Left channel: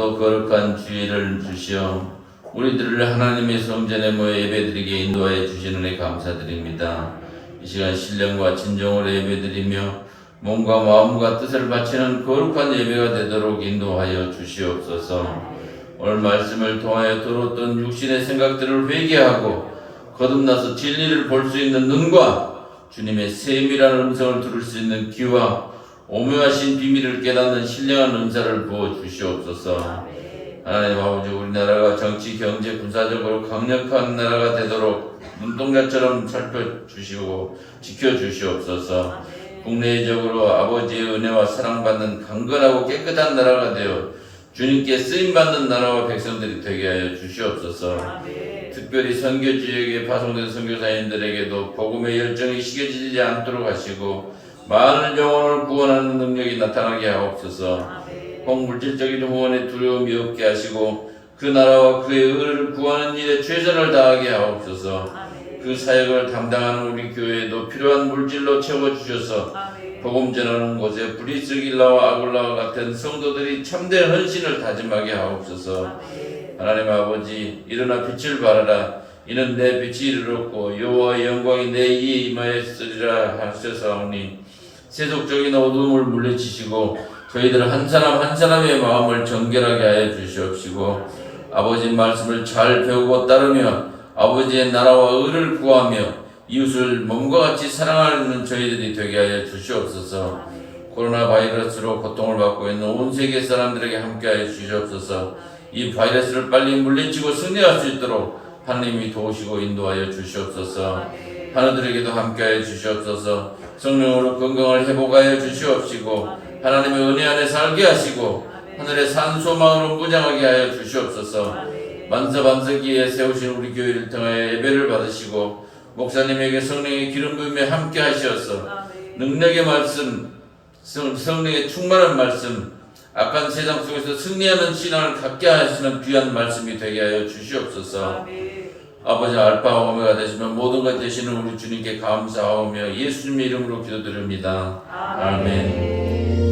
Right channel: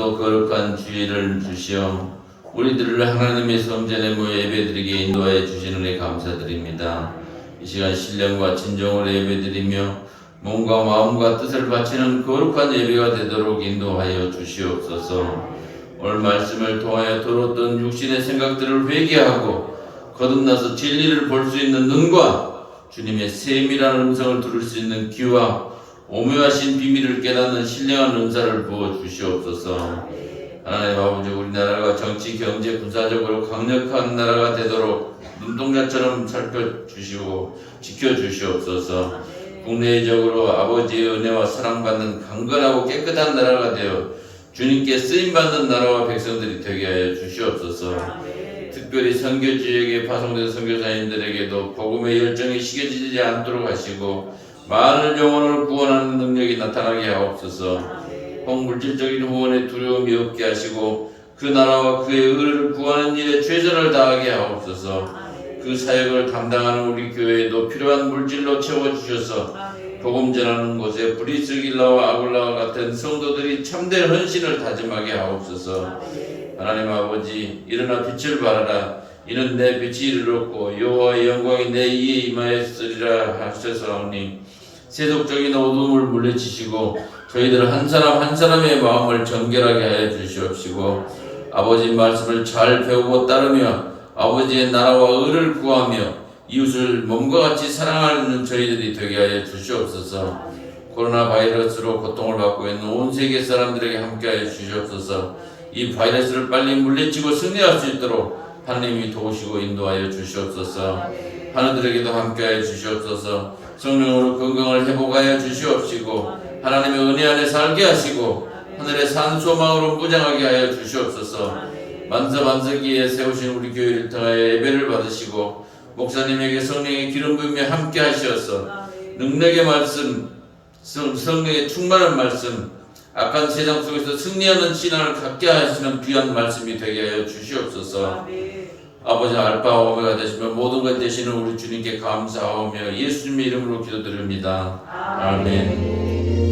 오늘도 거룩한 주일을 주시어 우리들을 하나님의 성전에 모여 예배드리게 인도하여 주시는 데 감사드립니다. 이 시간 신령과 진정으로 예배드리며 몸과 마음과 뜻을 바치는 거룩한 예배가 되도록 인도하여 주시옵소서. 오늘 말씀을 통하여 들었던 육신의 생각들을 회개하고 거듭나서 진리를 볼 수 있는 눈과 주님의 세밀한 음성을 들을 수 있는 귀와 오묘하신 비밀을 깨닫는 신령한 은사를 부어 주시옵소서. 하나님 아버지, 우리나라가 정치, 경제, 군사적으로 강력한 나라가 되도록 눈동자처럼 살펴주시고 지켜주시옵소서. 국내적으로 아버지의 은혜와 사랑받는 강건하고 깨끗한 나라가 되어 주님께 쓰임받는 나라와 백성들이 되게 하여 주시옵소서. 특별히 선교지역에 파송된 선교사님들에게도 복음의 열정이 식어지지 않도록 하시고 많은 영혼을 구원하는 능력이 나타나게 하옵소서. 물질적인 후원에 두려움이 없게 하시고 그 나라와 그의 의를 구하는 일에 최선을 다하게 하옵소서. 그 사역을 담당하는 우리 교회에도 필요한 물질로 채워주셔서 복음 전하는 곳에 브리스길라와 아굴라와 같은 성도들이 참된 헌신을 다짐하게 하옵소서. 하나님 아버지, 일어나 빛을 발하라. 이는 내 빛이 이르렀고 여호와의 영광이 내 이에 임하였으리라 하셨사오니 세속적인 어둠을 물리치시고 저희들 한 사람 한 사람의 마음을 정결하게 하여 주시옵시고 아버지 말씀을 잘 배우고 따르며 아버지의 나라와 의를 구하며 이웃을 몸과 같이 사랑하는 저희들이 되게 하여 주시옵소서. 코로나 바이러스로 고통을 받고 있는 온 세계 사람들에게 함께하여 주시옵소서. 이 바이러스를 빨리 물리치고 승리할 수 있도록 하나님이 도우시고 인도하여 주시옵소서. 하늘들에게도 함께하여 주시옵소서. 성령으로 건강을 회복하여 주시옵시고 하나님의 은혜 안에 살게 하시고 하늘의 산 소망으로 무장하게 하여 주시옵소서. 만사반석기에 세우신 우리 교회를 통하여 예배를 받으시고 목사님에게 성령의 기름 부음에 함께 하시어서 능력의 말씀, 성령의 충만한 말씀, 악한 세상 속에서 승리하는 신앙을 갖게 하시는 귀한 말씀이 되게 하여 주시옵소서. 아버지, 알파와 오메가 되시며 모든 것 되시는 우리 주님께 감사하오며 예수님의 이름으로 기도드립니다. 아멘.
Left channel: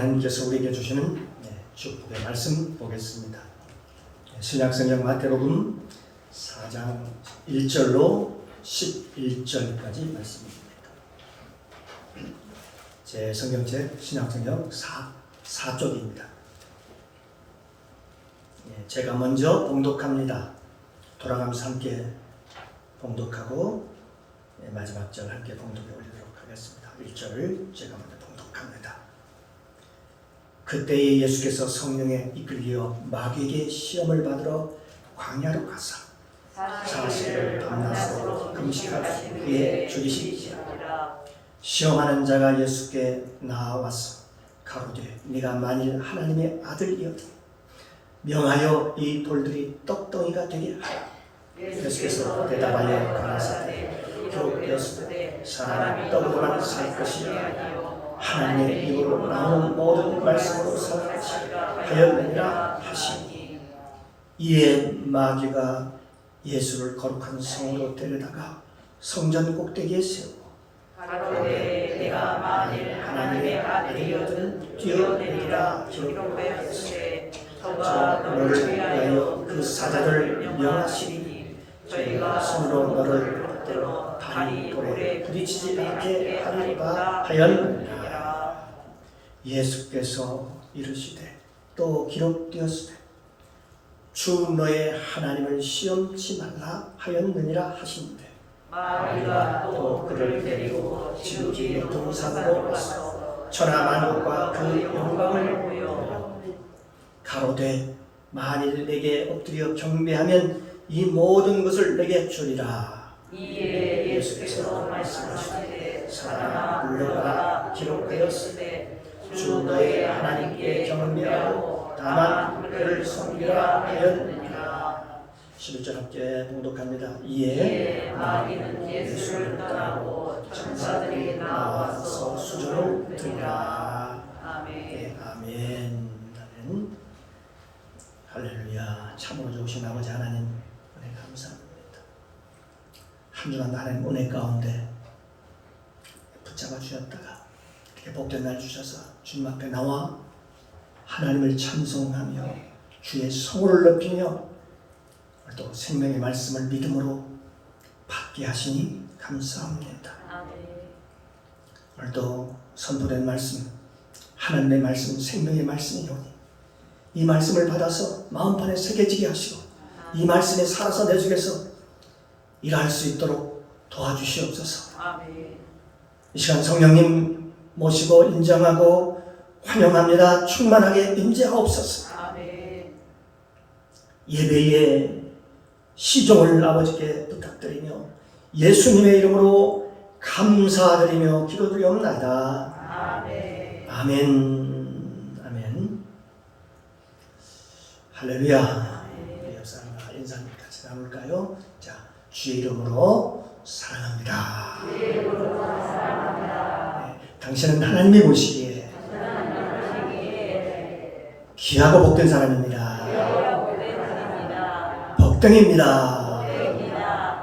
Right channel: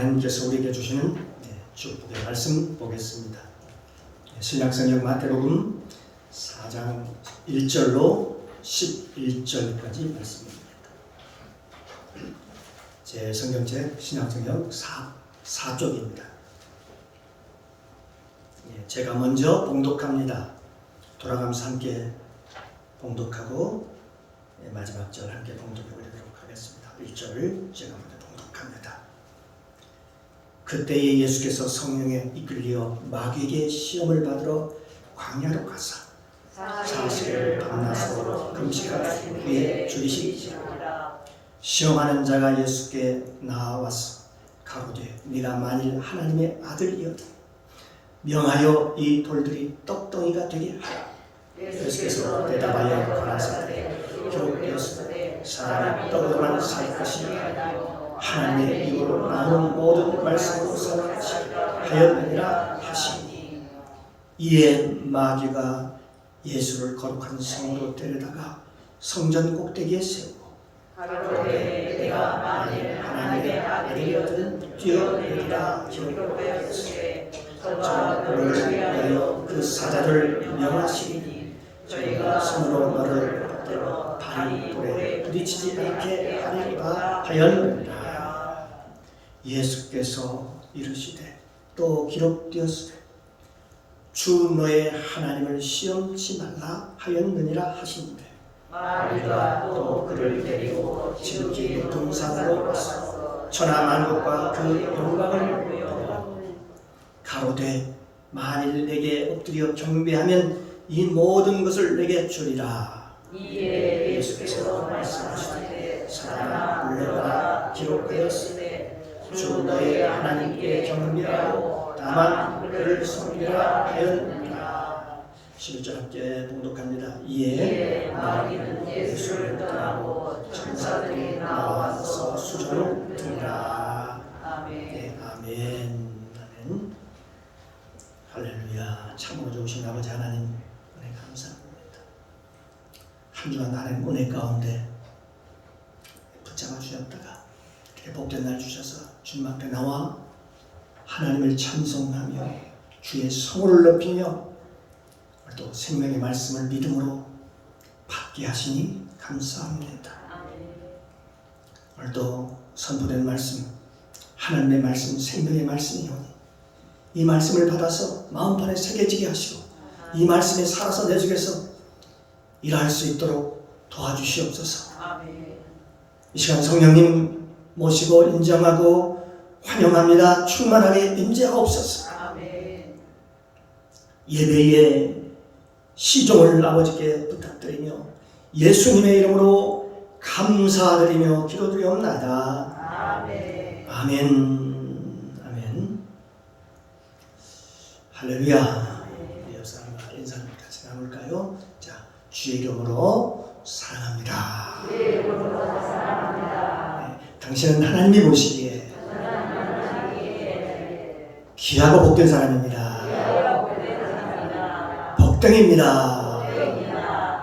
하나님께서 우리에게 주시는 축복의 말씀 보겠습니다. 신약성경 마태복음 4장 1절로 11절까지 말씀입니다. 제 성경책 신약성경 4쪽입니다. 제가 먼저 봉독합니다. 돌아가면서 함께 봉독하고 마지막 절 함께 봉독해 올리도록 하겠습니다. 1절 제가 먼저 봉독합니다. 그때에 예수께서 성령에 이끌려 마귀에게 시험을 받으러 광야로 가사 40일 밤낮으로 금식하신 후에 죽이시니라. 시험하는 자가 예수께 나와서 가로되 네가 만일 하나님의 아들이어도 명하여 이 돌들이 떡덩이가 되게 하라. 예수께서 대답하여 가라사대 기록되었으되 사람이 떡으로만 살 것이 아니라 하나님의 입으로 나오는 모든 말씀으로 살지 하였느니라 하시니 이에 마귀가 예수를 거룩한 성으로 데려다가 성전 꼭대기에 세우고 가로되 내가 만일 하나님의 아들이거든 뛰어내리라 기록되었으되 저가 너를 위하여 그 사자를 명하시니 저희가 손으로 너를 붙들어 발이 돌에 부딪히지 않게 하리라 하였느니라. 예수께서 이르시되 또 기록되었으되 주 너의 하나님을 시험치 말라 하였느니라 하시는데 마귀가 또 그를 데리고 지극히 높은 산으로 와서 천하만국과 그 영광을 보여 가로되 만일 내게 엎드려 경배하면 이 모든 것을 내게 주리라. 이에 예수께서 말씀하시되 사람아 물러가라 기록되었으되 주 너의 하나님께 경배하고 다만 그를 섬기라 하였느니라. 11절 함께 봉독합니다. 이에 마귀는 예수를 떠나고 수종을 들으라. 네, 아멘. 아멘. 할렐루야. 참으로 좋으신 아버지 하나님 은혜 감사합니다. 한 주간 하나님 은혜 가운데 붙잡아 주셨다가 이렇게 복된 날 주셔서 주님 앞에 나와 하나님을 찬송하며 주의 성호를 높이며 또 생명의 말씀을 믿음으로 받게 하시니 감사합니다. 오늘도 선포된 말씀, 하나님의 말씀, 생명의 말씀이오니 이 말씀을 받아서 마음판에 새겨지게 하시고 이 말씀에 살아서 내 속에서 일할 수 있도록 도와주시옵소서. 이 시간 성령님 모시고 인정하고 환영합니다. 충만하게 임재하옵소서. 예배의 시종을 아버지께 부탁드리며 예수님의 이름으로 감사드리며 기도드리옵나이다. 아멘. 아멘. 할렐루야. 우리 옆사람과 인사를 같이 나눌까요? 자, 주의 이름으로 사랑합니다. 네, 당신은 하나님이 보시기에 귀하고 복된 사람입니다. 복등입니다.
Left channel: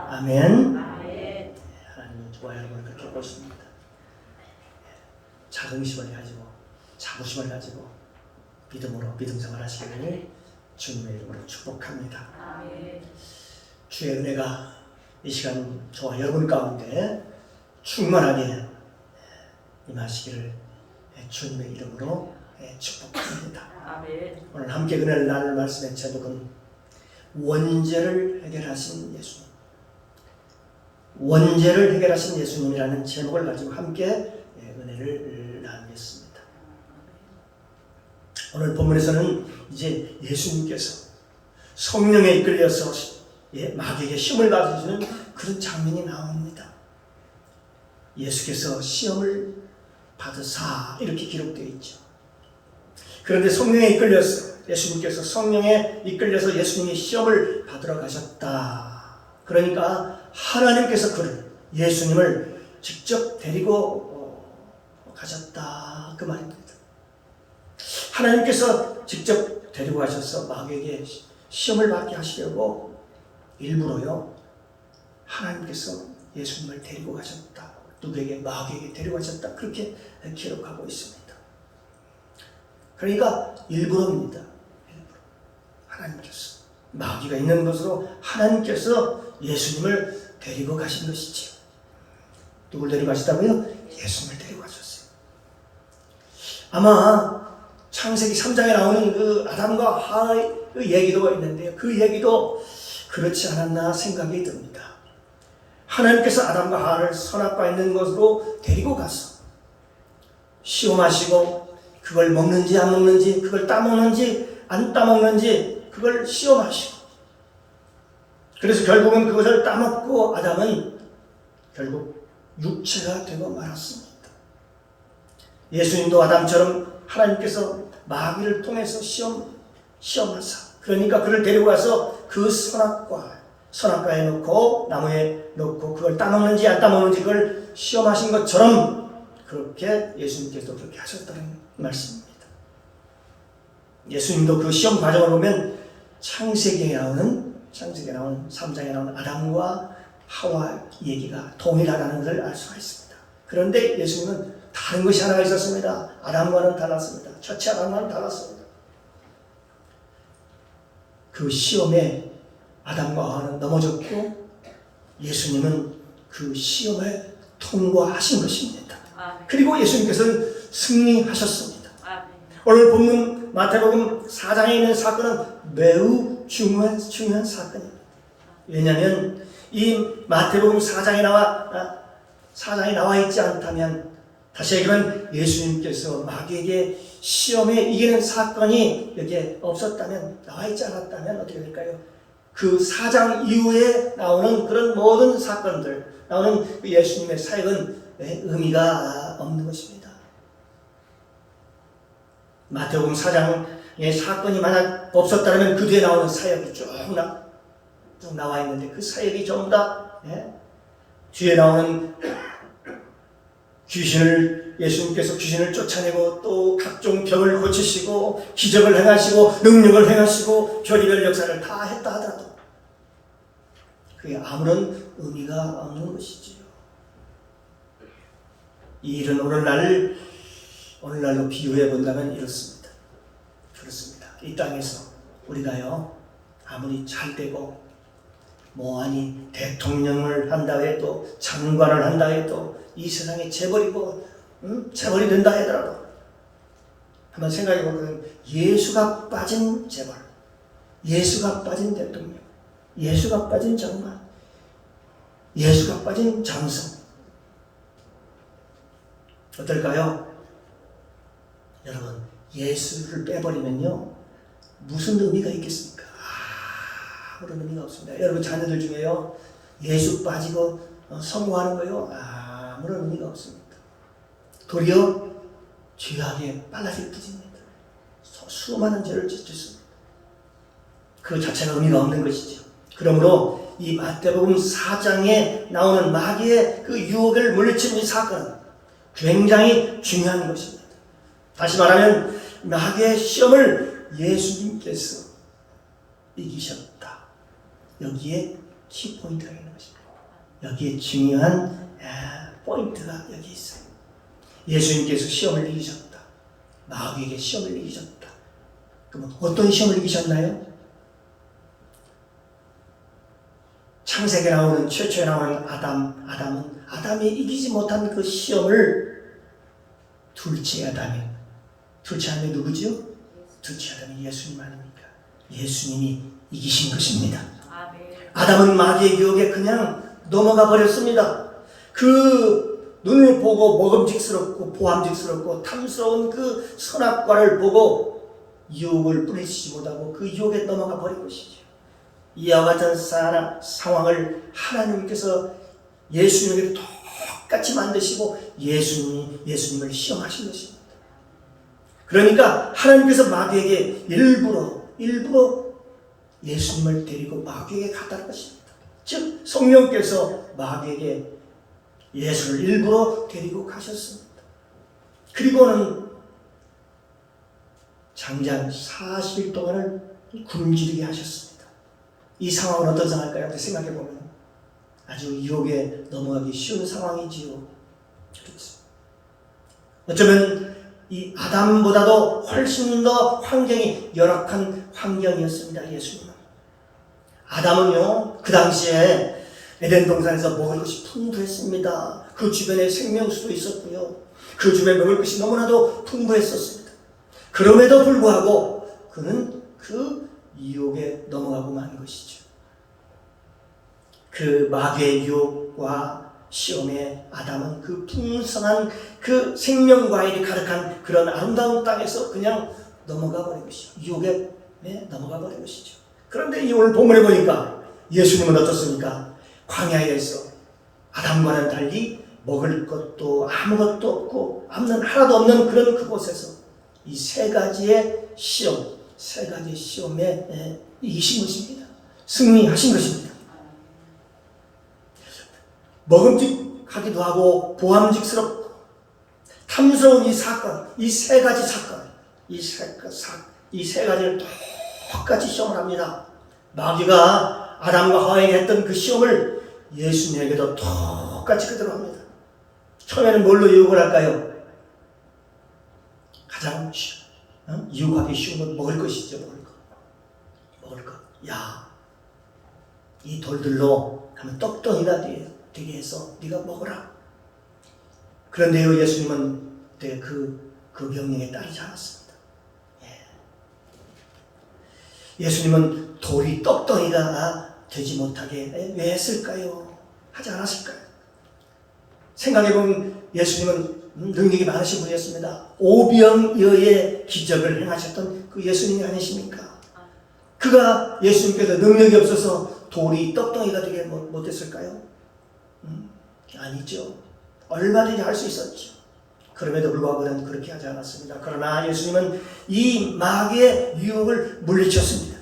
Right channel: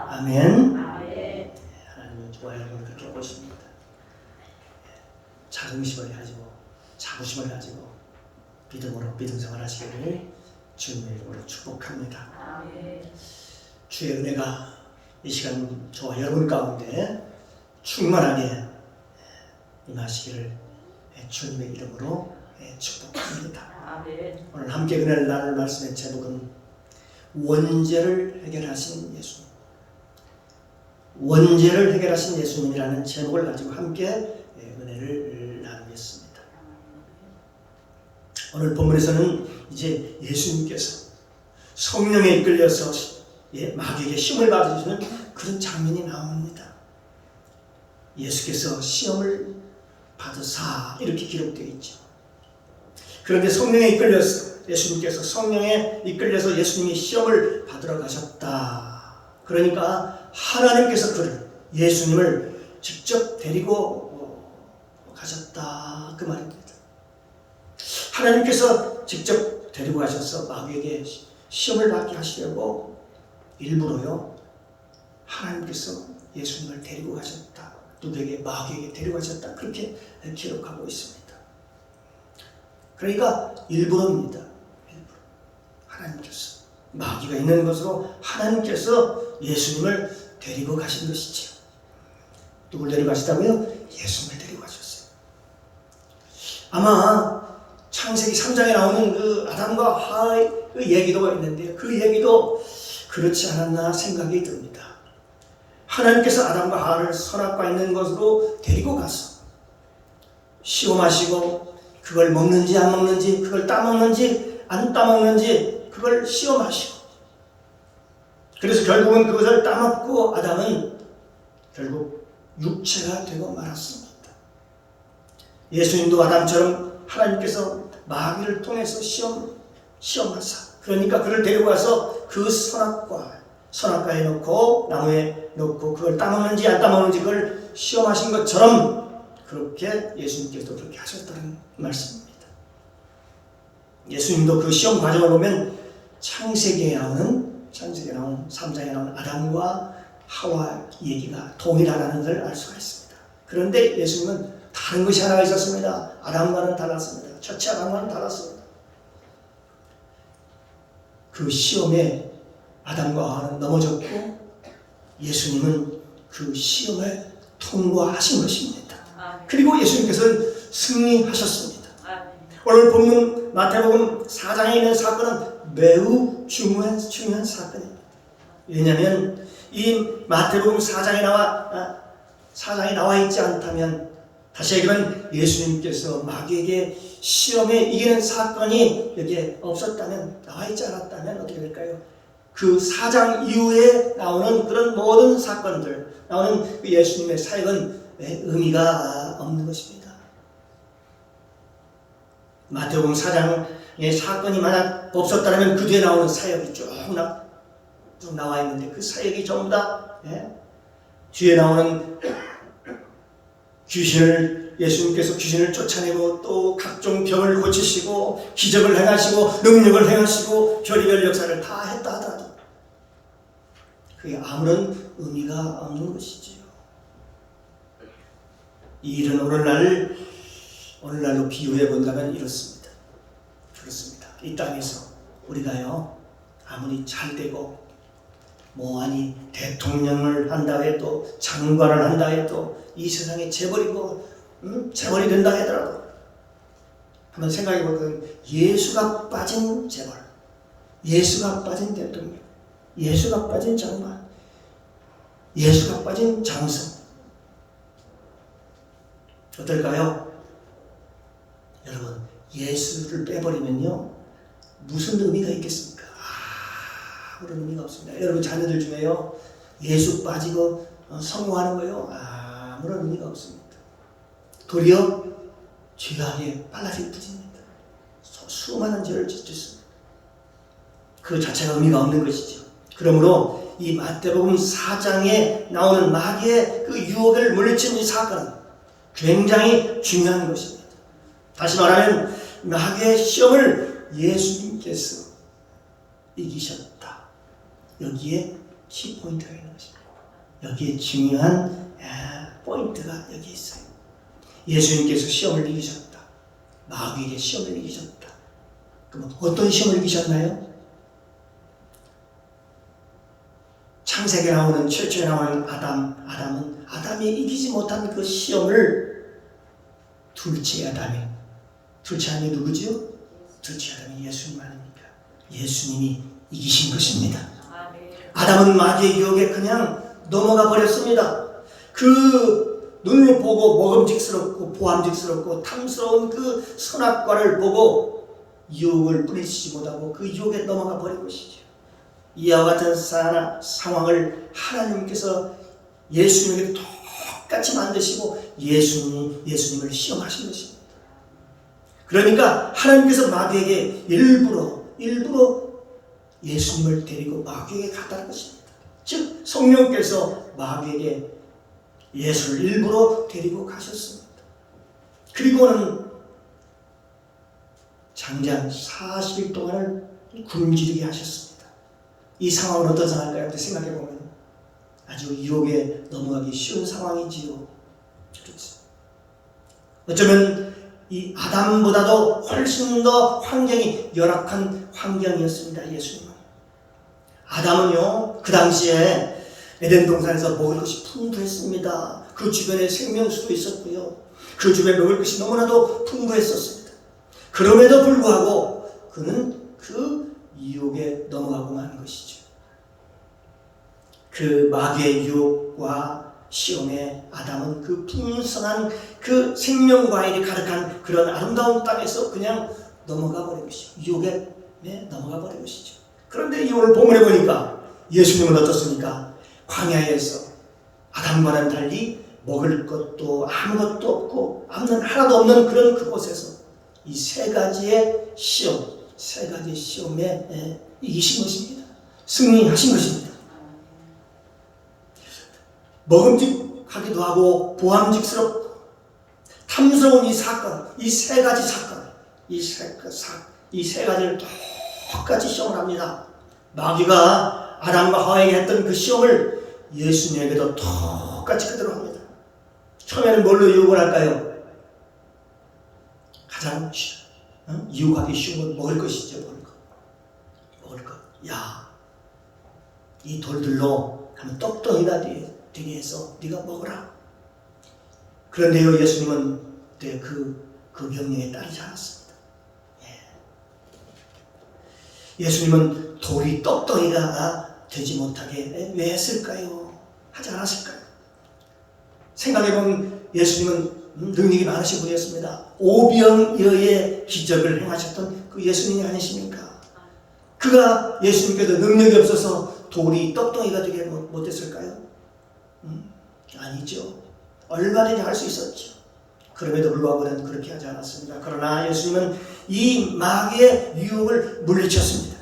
아멘. 하나님이 좋아요. 여러분 그렇게 보십니다. 자긍심을 가지고 자부심을 가지고 믿음으로 믿음 생활하시기를 주님의 이름으로 축복합니다. 주의 은혜가 이 시간 저와 여러분 가운데 충만하게 임하시기를 주님의 이름으로 축복합니다. 오늘 함께 은혜를 나눌 말씀의 제목은 원죄를 해결하신 예수님. 원죄를 해결하신 예수님이라는 제목을 가지고 함께 은혜를 나누겠습니다. 오늘 본문에서는 이제 예수님께서 성령에 이끌려서 마귀에게 시험을 받으시는 그런 장면이 나옵니다. 예수께서 시험을 받으사 이렇게 기록되어 있죠. 그런데 성령에 이끌려서 예수님께서 성령에 이끌려서 예수님이 시험을 받으러 가셨다. 그러니까 하나님께서 그를 예수님을 직접 데리고 가셨다 그 말입니다. 하나님께서 직접 데리고 가셔서 마귀에게 시험을 받게 하시려고 일부러요 하나님께서 예수님을 데리고 가셨다. 누구에게? 마귀에게 데리고 가셨다. 그렇게 기록하고 있습니다. 그러니까 일부러입니다. 일부러. 하나님께서 마귀가 있는 것으로 하나님께서 예수님을 데리고 가신 것이죠. 누굴 데리고 가시다고요? 예수님을 데리고 가셨어요. 아마 창세기 3장에 나오는 그 아담과 하와의 그 얘기도 있는데요. 그 얘기도 그렇지 않았나 생각이 듭니다. 하나님께서 아담과 하와를 선악과 있는 것으로 데리고 가서 시험하시고 그걸 먹는지 안 먹는지, 그걸 따먹는지 안 따먹는지 그걸 시험하시고, 그래서 결국은 그것을 따먹고 아담은 결국 육체가 되고 말았습니다. 예수님도 아담처럼 하나님께서 마귀를 통해서 시험하사, 그러니까 그를 데리고 가서 그 선악과에 놓고 나무에 놓고 그걸 따먹는지 안 따먹는지 그걸 시험하신 것처럼 그렇게 예수님께서도 그렇게 하셨다는 말씀입니다. 예수님도 그 시험 과정을 보면 창세기에 나오는 3장에 나오는 아담과 하와 얘기가 동일하다는 걸 알 수가 있습니다. 그런데 예수님은 다른 것이 하나 있었습니다. 아담과는 달랐습니다. 첫째 아담과는 달랐습니다. 그 시험에 아담과 하와는 넘어졌고 예수님은 그 시험을 통과하신 것입니다. 그리고 예수님께서는 승리하셨습니다. 오늘 본문 마태복음 4장에 있는 사건은 매우 중요한 사건입니다. 왜냐하면 이 마태복음 4장에 나와 있지 않다면, 다시 얘기하면 예수님께서 마귀에게 시험에 이기는 사건이 여기에 없었다면, 나와 있지 않았다면 어떻게 될까요? 그 4장 이후에 나오는 그런 모든 사건들, 나오는 그 예수님의 사역은 의미가 없는 것입니다. 마태복음 4장의 사건이 만약 없었다면 그 뒤에 나오는 사역이 쭉 나와 있는데 그 사역이 전부 다 뒤에 나오는 예수님께서 귀신을 쫓아내고 또 각종 병을 고치시고 기적을 행하시고 능력을 행하시고 별의별 역사를 다 했다 하더라도 그게 아무런 의미가 없는 것이지요. 이 일은 오늘날로 비유해 본다면 이렇습니다. 그렇습니다. 이 땅에서 우리가요 아무리 잘되고 뭐하니 대통령을 한다 해도 장관을 한다 해도 이 세상에 재벌이 된다 하더라도 한번 생각해 보면 예수가 빠진 재벌, 예수가 빠진 대통령, 예수가 빠진 장관, 예수가 빠진 장성 어떨까요? 여러분 예수를 빼버리면요 무슨 의미가 있겠습니까? 아무런 의미가 없습니다. 여러분 자녀들 중에요 예수 빠지고 성공하는 거요 아무런 의미가 없습니다. 도리어 죄악에 빨라질 뿐입니다. 수많은 죄를 짓습니다. 그 자체가 의미가 없는 것이죠. 그러므로 이 마태복음 4장에 나오는 마귀의 그 유혹을 물리친 이 사건은 굉장히 중요한 것입니다. 다시 말하면 마귀의 시험을 예수님께서 이기셨다. 여기에 키포인트가 있는 것입니다. 여기에 중요한 포인트가 여기 있어요. 예수님께서 시험을 이기셨다. 마귀에게 시험을 이기셨다. 그럼 어떤 시험을 이기셨나요? 창세기에 나오는 최초에 나오는 아담이 이기지 못한 그 시험을 둘째 아담이 누구죠? 둘째 아담이 예수님 아닙니까? 예수님이 이기신 것입니다. 아담은 마귀의 유혹에 그냥 넘어가 버렸습니다. 그 눈으로 보고 먹음직스럽고 보암직스럽고 탐스러운 그 선악과를 보고 유혹을 뿌리치지 못하고 그 유혹에 넘어가 버린 것이죠. 이와 같은 상황을 하나님께서 예수님에게 똑같이 만드시고 예수님을 시험하신 것입니다. 그러니까 하나님께서 마귀에게 일부러 예수님을 데리고 마귀에게 갔다는 것입니다. 즉 성령께서 마귀에게 예수를 일부러 데리고 가셨습니다. 그리고는 장장 40일 동안을 굶주리게 하셨습니다. 이 상황은 어떤 상황일까요? 생각해보면 아주 유혹에 넘어가기 쉬운 상황이지요. 그렇죠. 어쩌면 이 아담보다도 훨씬 더 환경이 열악한 환경이었습니다. 예수님은. 아담은요 그 당시에 에덴 동산에서 먹을 것이 풍부했습니다. 그 주변에 생명수도 있었고요. 그 주변에 먹을 것이 너무나도 풍부했었습니다. 그럼에도 불구하고 그는 그 유혹에 넘어가고 만 것이죠. 그 마귀의 유혹과 시험에 아담은 그 풍성한 그 생명과일이 가득한 그런 아름다운 땅에서 그냥 넘어가 버린 것이죠. 유혹에 넘어가 버린 것이죠. 그런데 이 오늘 본문에 보니까 예수님은 어떻습니까? 광야에서 아담과는 달리 먹을 것도 아무것도 없고 아무런 하나도 없는 그런 그곳에서 이 세 가지의 시험에 이기신 것입니다. 승리하신 것입니다. 먹음직하기도 하고 보암직스럽고 탐스러운 이 사건, 이 세 가지 사건, 이 세 가지를 똑같이 시험을 합니다. 마귀가 아담과 하와에게 했던 그 시험을 예수님에게도 똑같이 그대로 합니다. 처음에는 뭘로 유혹을 할까요? 가장 유혹하기 쉬운 건 먹을 것이죠. 먹을 것. 야, 이 돌들로 하면 떡덩이가 되게 해서 네가 먹어라. 그런데요 예수님은 그 명령에 따르지 않았습니다. 예수님은 돌이 떡덩이가 되지 못하게 왜 했을까요? 하지 않았을까요? 생각해보면 예수님은 능력이 많으신 분이었습니다. 오병이어의 기적을 행하셨던 그 예수님이 아니십니까? 그가 예수님께서 능력이 없어서 돌이 떡덩이가 되게 못했을까요? 아니죠. 얼마든지 할 수 있었죠. 그럼에도 불구하고는 그렇게 하지 않았습니다. 그러나 예수님은 이 마귀의 유혹을 물리쳤습니다.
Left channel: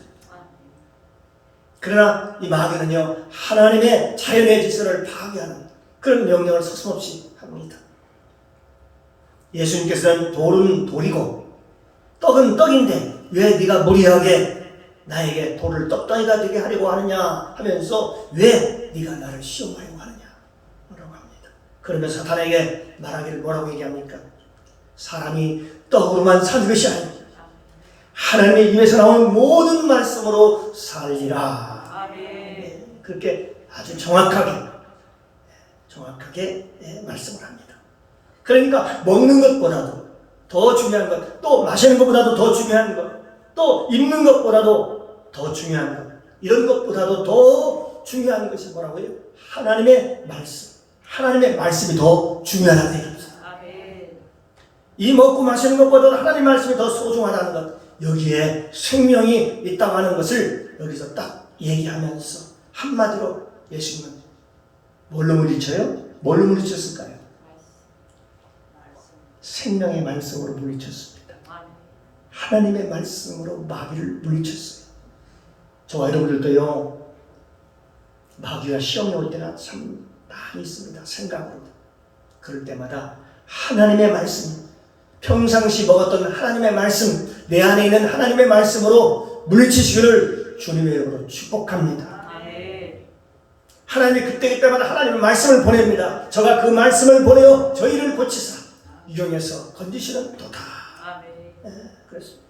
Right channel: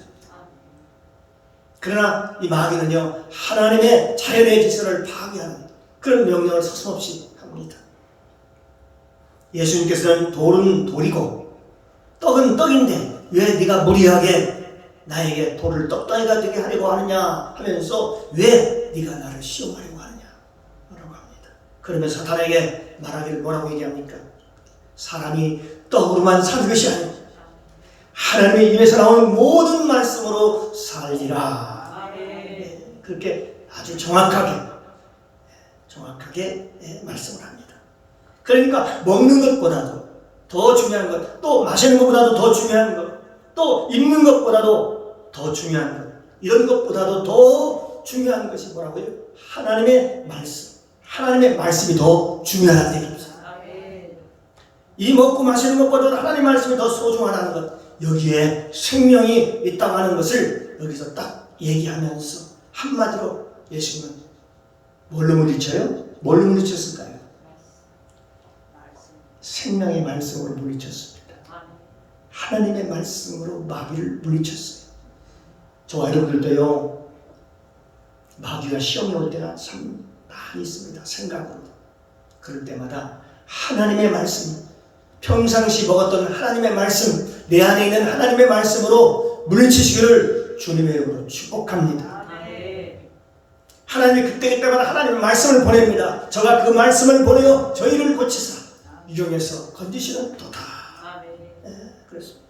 그러나 이 마귀는요 하나님의 자연의 질서를 파괴하는 그런 명령을 서슴없이 합니다. 예수님께서는 돌은 돌이고 떡은 떡인데 왜 네가 무리하게 나에게 돌을 떡덩이가 되게 하려고 하느냐 하면서 왜 네가 나를 시험하려고 하느냐 라고 합니다. 그러면 사탄에게 말하기를 뭐라고 얘기합니까? 사람이 떡으로만 사는 것이 아니라 하나님의 입에서 나오는 모든 말씀으로 살리라. 그렇게 아주 정확하게 말씀을 합니다. 그러니까 먹는 것보다도 더 중요한 것, 또 마시는 것보다도 더 중요한 것, 또 입는 것보다도 더 중요한 것, 이런 것보다도 더 중요한 것이 뭐라고요? 하나님의 말씀. 하나님의 말씀이 더 중요하다는 얘기입니다. 이 먹고 마시는 것보다도 하나님의 말씀이 더 소중하다는 것, 여기에 생명이 있다고 하는 것을 여기서 딱 얘기하면서 한마디로 예수님은 뭘로 물리쳐요? 뭘로 물리쳤을까요? 생명의 말씀으로 물리쳤습니다. 하나님의 말씀으로 마귀를 물리쳤어요. 저와 여러분들도요, 마귀가 시험이 올 때가 참 많이 있습니다. 생각으로. 그럴 때마다 하나님의 말씀, 평상시 먹었던 하나님의 말씀, 내 안에 있는 하나님의 말씀으로 물리치시기를 주님의 이름으로 축복합니다. 하나님이 그때마다 하나님의 말씀을 보냅니다. 저가 그 말씀을 보내어 저희를 고치사 유경에서 건지시는 도다. 그렇습니다.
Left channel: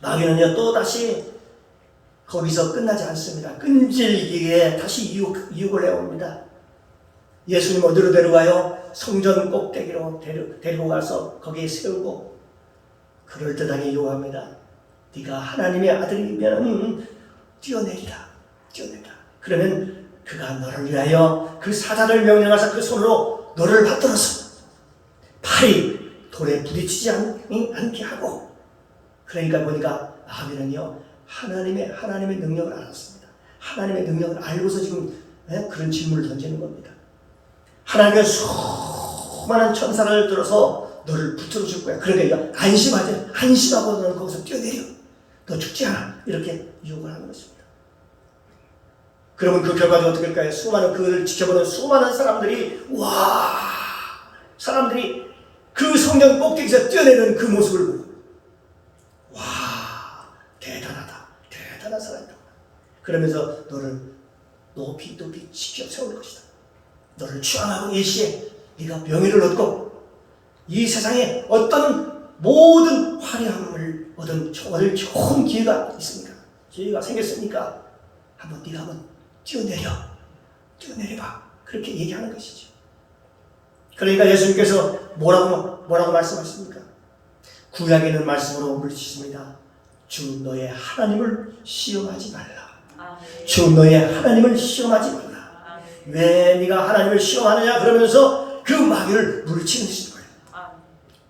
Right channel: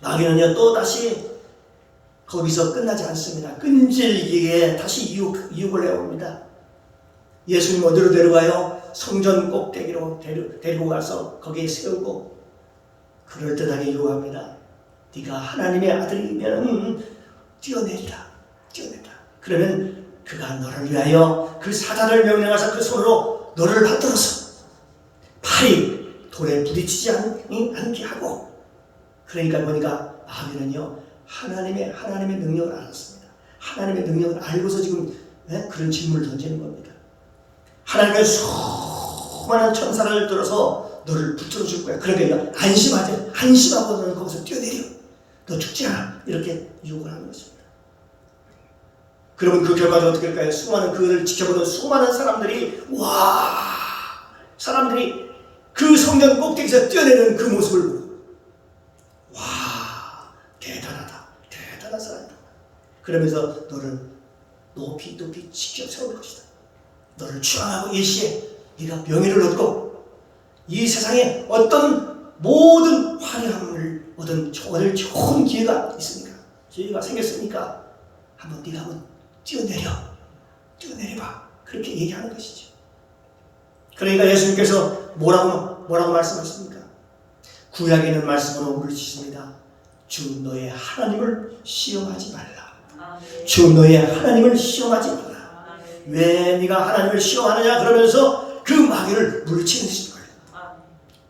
마귀는요, 또 다시 거기서 끝나지 않습니다. 끈질기게 다시 유혹을 해옵니다. 예수님 어디로 데려가요? 성전 꼭대기로 데리고 가서 거기에 세우고 그럴듯하게 유혹합니다. 네가 하나님의 아들이면 뛰어내리라. 그러면 그가 너를 위하여 그 사단을 명령하사 그 손으로 너를 받들어서 팔이 돌에 부딪히지 않게 하고, 그러니까 보니까 마귀는요, 하나님의 능력을 알았습니다. 하나님의 능력을 알고서 지금 그런 질문을 던지는 겁니다. 하나님의 수많은 천사를 들어서 너를 붙들어 줄 거야. 그러니까 안심하고 너는 거기서 뛰어내려. 너 죽지 않아. 이렇게 유혹을 하는 것입니다. 그러면 그 결과가 어떻게 될까요? 그를 지켜보는 수많은 사람들이 그 성전 꼭대기에서 뛰어내는 그 모습을 보고 대단한 사람이다. 그러면서 너를 높이 지켜 세울 것이다. 너를 추앙하고 일시에 네가 명예를 얻고 이 세상에 어떤 모든 화려함을 얻은 좋은 기회가 있습니까? 기회가 생겼으니까 네가 한번 뛰어내려봐. 그렇게 얘기하는 것이죠. 그러니까 예수님께서 뭐라고 말씀하십니까? 구약에는 말씀으로 물리치십니다. 주 너의 하나님을 시험하지 말라. 주 너의 하나님을 시험하지 말라. 왜 네가 하나님을 시험하느냐 그러면서 그 마귀를 물리치는 거예요.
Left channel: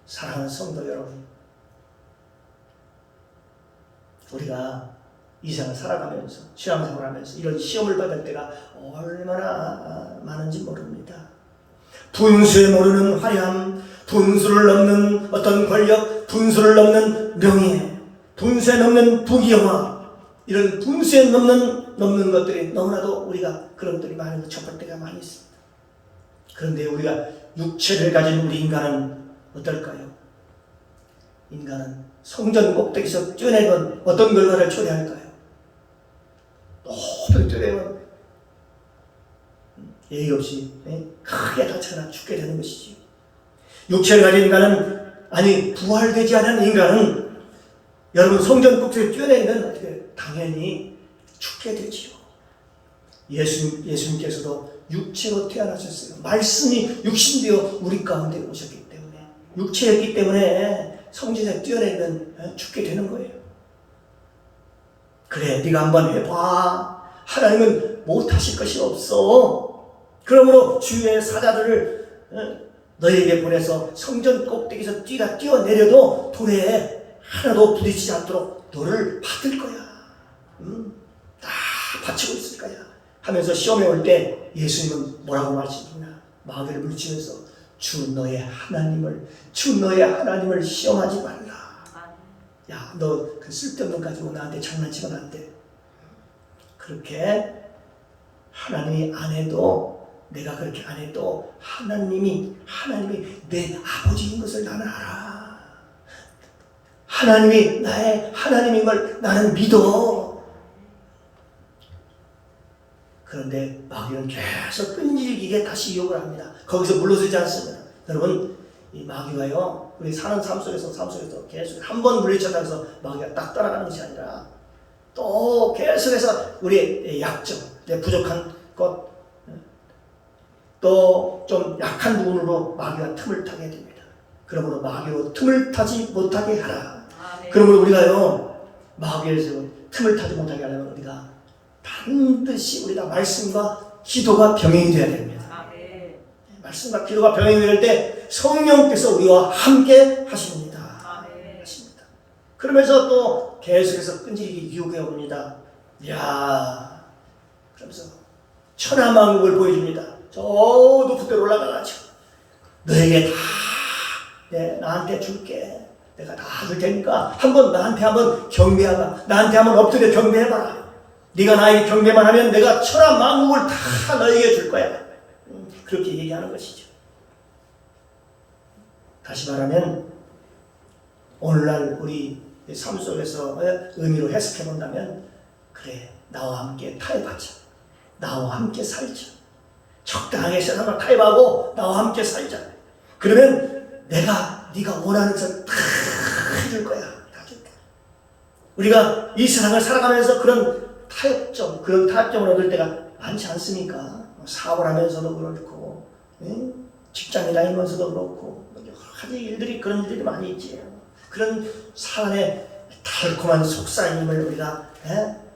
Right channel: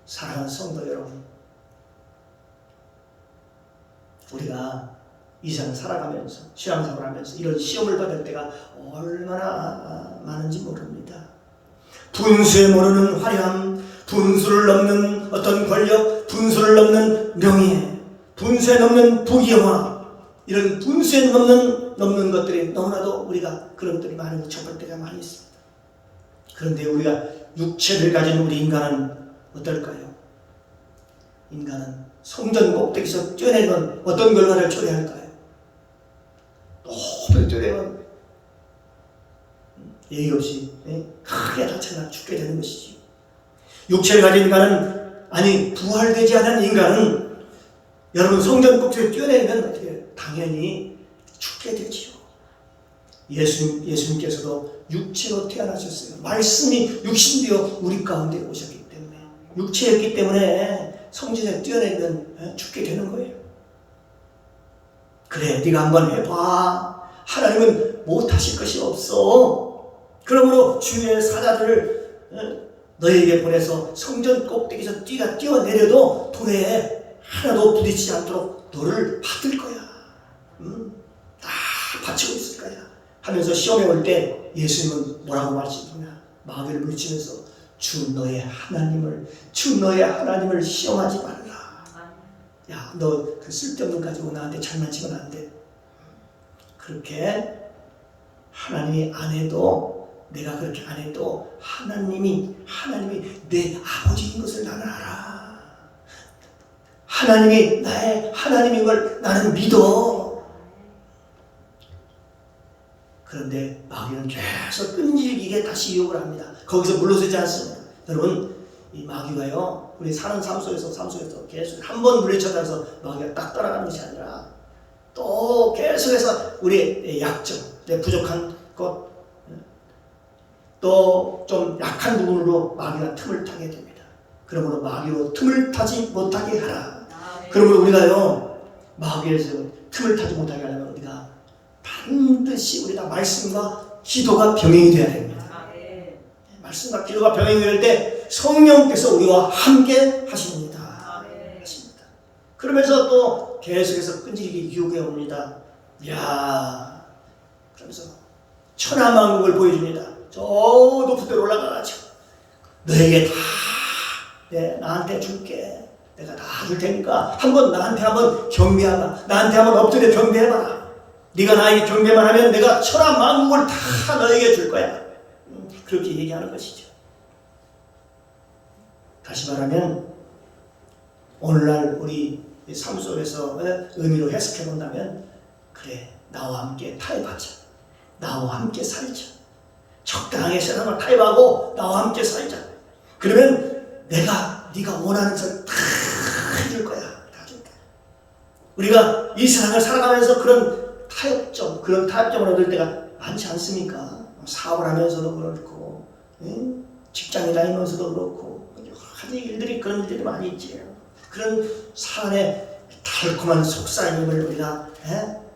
사랑하는 성도 여러분, 우리가 이 세상을 살아가면서 신앙생활하면서 이런 시험을 받을 때가 얼마나 많은지 모릅니다. 분수에 모르는 화려함, 분수를 넘는 어떤 권력, 분수를 넘는 명예, 분수에 넘는 부귀영화, 이런 분수에 넘는 것들이 너무나도 우리가 그런 것들이 많은 접할 때가 많이 있습니다. 그런데 우리가 육체를 가진 우리 인간은 어떨까요? 인간은 성전 꼭대기에서 뛰어내리면 어떤 결과를 초래할까요? 높이 뛰어내리면 예의 없이 크게 다쳐나 죽게 되는 것이지요. 육체를 가진 인간은, 부활되지 않은 인간은 여러분 성전 꼭대기에 뛰어내리면 당연히 죽게 되지요. 예수님께서도 육체로 태어나셨어요. 말씀이 육신되어 우리 가운데 오셨기 때문에, 육체였기 때문에 성전에 뛰어내리면 죽게 되는 거예요. 그래, 네가 한번 해봐. 하나님은 못하실 것이 없어. 그러므로 주의 사자들을 너에게 보내서 성전 꼭대기에서 뛰어내려도 돌에 하나도 부딪히지 않도록 너를 받을 거야. 다 바치고 있을 거야. 하면서 시험에 올 때 예수님은 뭐라고 말씀하시냐? 마귀를 물리치면서 주 너의 하나님을 시험하지 말라. 야, 너 그 쓸데없는 거 가지고 나한테 장난치면 안 돼. 그렇게 하나님이 안 해도 내가 그렇게 안 해도 하나님이 내 아버지인 것을 나는 알아. 하나님이 나의 하나님인 걸 나는 믿어. 그런데 마귀는 계속 끈질기게 다시 유혹을 합니다. 거기서 물러서지 않습니다. 여러분, 이 마귀가요, 우리 사는 삶 속에서 계속 한 번 물리쳐서 마귀가 딱 떠나가는 것이 아니라 또 계속해서 우리의 약점, 내 부족한 것, 또 좀 약한 부분으로 마귀가 틈을 타게 됩니다. 그러므로 마귀로 틈을 타지 못하게 하라. 그러므로 우리가요, 마귀에서 틈을 타지 못하게 하려면 우리가 반드시 우리가 말씀과 기도가 병행이 되어야 됩니다. 말씀과 기도가 병행이 될 때 성령께서 우리와 함께 하십니다. 그러면서 또 계속해서 끈질기게 유혹해 옵니다. 이야, 그러면서 천하만국을 보여줍니다. 저 높은 데로 올라가가지고 너에게 다 나한테 줄게. 내가 다 줄 테니까 한번 나한테 한번 경배하라. 나한테 한번 엎드려 경배해봐라. 네가 나에게 경배만 하면 내가 천하만국을 다 너에게 줄 거야. 그렇게 얘기하는 것이죠. 다시 말하면 오늘날 우리 삶 속에서 의미로 해석해 본다면, 그래, 나와 함께 타협하자. 나와 함께 살자. 적당하게 세상을 타협하고 나와 함께 살자. 그러면 네가 원하는 것을 다 해줄 거야. 다 줄 거야. 우리가 이 세상을 살아가면서 그런 타협점을 얻을 때가 많지 않습니까? 사업을 하면서도 그렇고, 직장에 다니면서도 그렇고, 여러 가지 일들이, 그런 일들이 많이 있지요. 그런 사람의 달콤한 속삭임을 우리가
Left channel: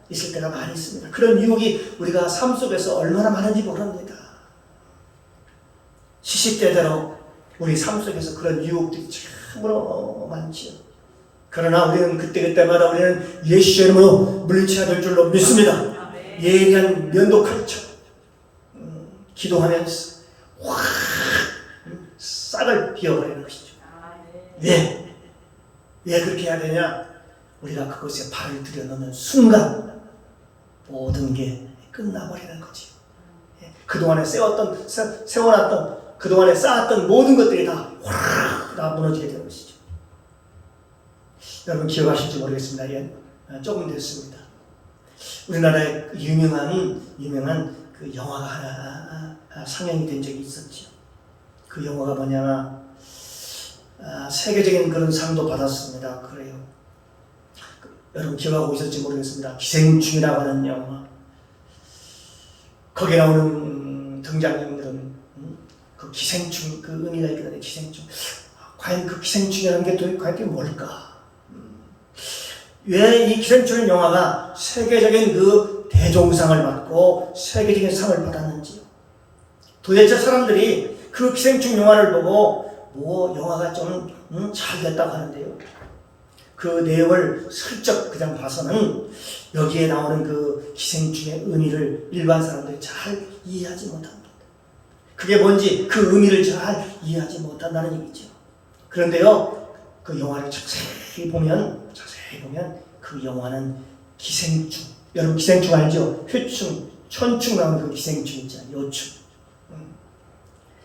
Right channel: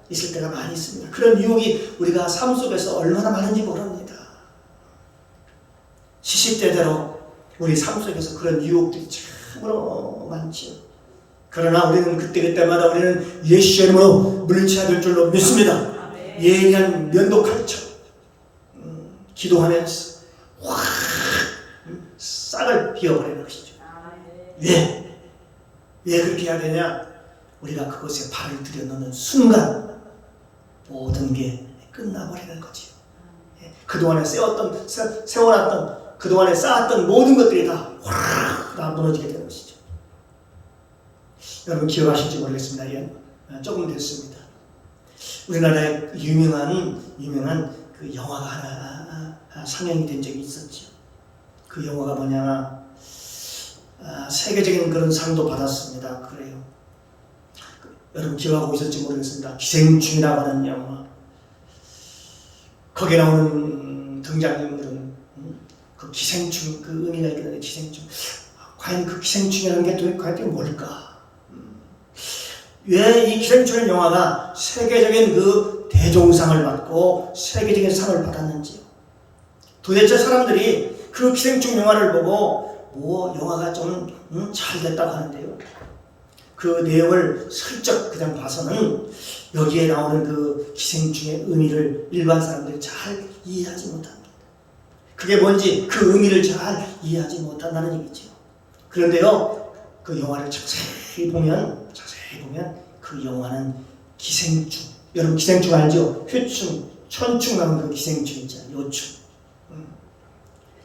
있을 때가 많이 있습니다. 그런 유혹이 우리가 삶 속에서 얼마나 많은지 모릅니다. 시시때대로 우리 삶 속에서 그런 유혹들이 참으로 많지요. 그러나 우리는 그때마다 우리는 예수 이름으로 물리쳐야 될 줄로 믿습니다. 예리한 면도칼처럼 기도하면서 확 싹을 비워버리는 것이죠. 왜 그렇게 해야 되냐? 우리가 그것에 발을 들여놓는 순간 모든 게 끝나버리는 거지. 그동안에 세워놨던 그동안에 쌓았던 모든 것들이 다 무너지게 되는 것이죠. 여러분 기억하실지 모르겠습니다. 조금 됐습니다. 우리나라에 유명한 그 영화가 하나 상영이 된 적이 있었죠. 그 영화가 뭐냐면 세계적인 그런 상도 받았습니다. 그래요. 여러분 기억하고 있을지 모르겠습니다. 기생충이라고 하는 영화. 거기에 나오는 등장인물은 그 기생충, 그 의미가 있거든요. 기생충. 과연 그 기생충이라는 게 과연 그게 뭘까? 왜 이 기생충의 영화가 세계적인 그 대종상을 받고 세계적인 상을 받았는지. 도대체 사람들이 그 기생충 영화를 보고 영화가 좀 잘 됐다고 하는데요. 그 내용을 슬쩍 그냥 봐서는 여기에 나오는 그 기생충의 의미를 일반 사람들이 잘 이해하지 못합니다. 그게 뭔지 그 의미를 잘 이해하지 못한다는 얘기죠. 그런데요, 그 영화를 자세히 보면 그 영화는 기생충, 여러분 기생충 알죠? 회충, 천충 나오는 그 기생충 있잖아요. 요충.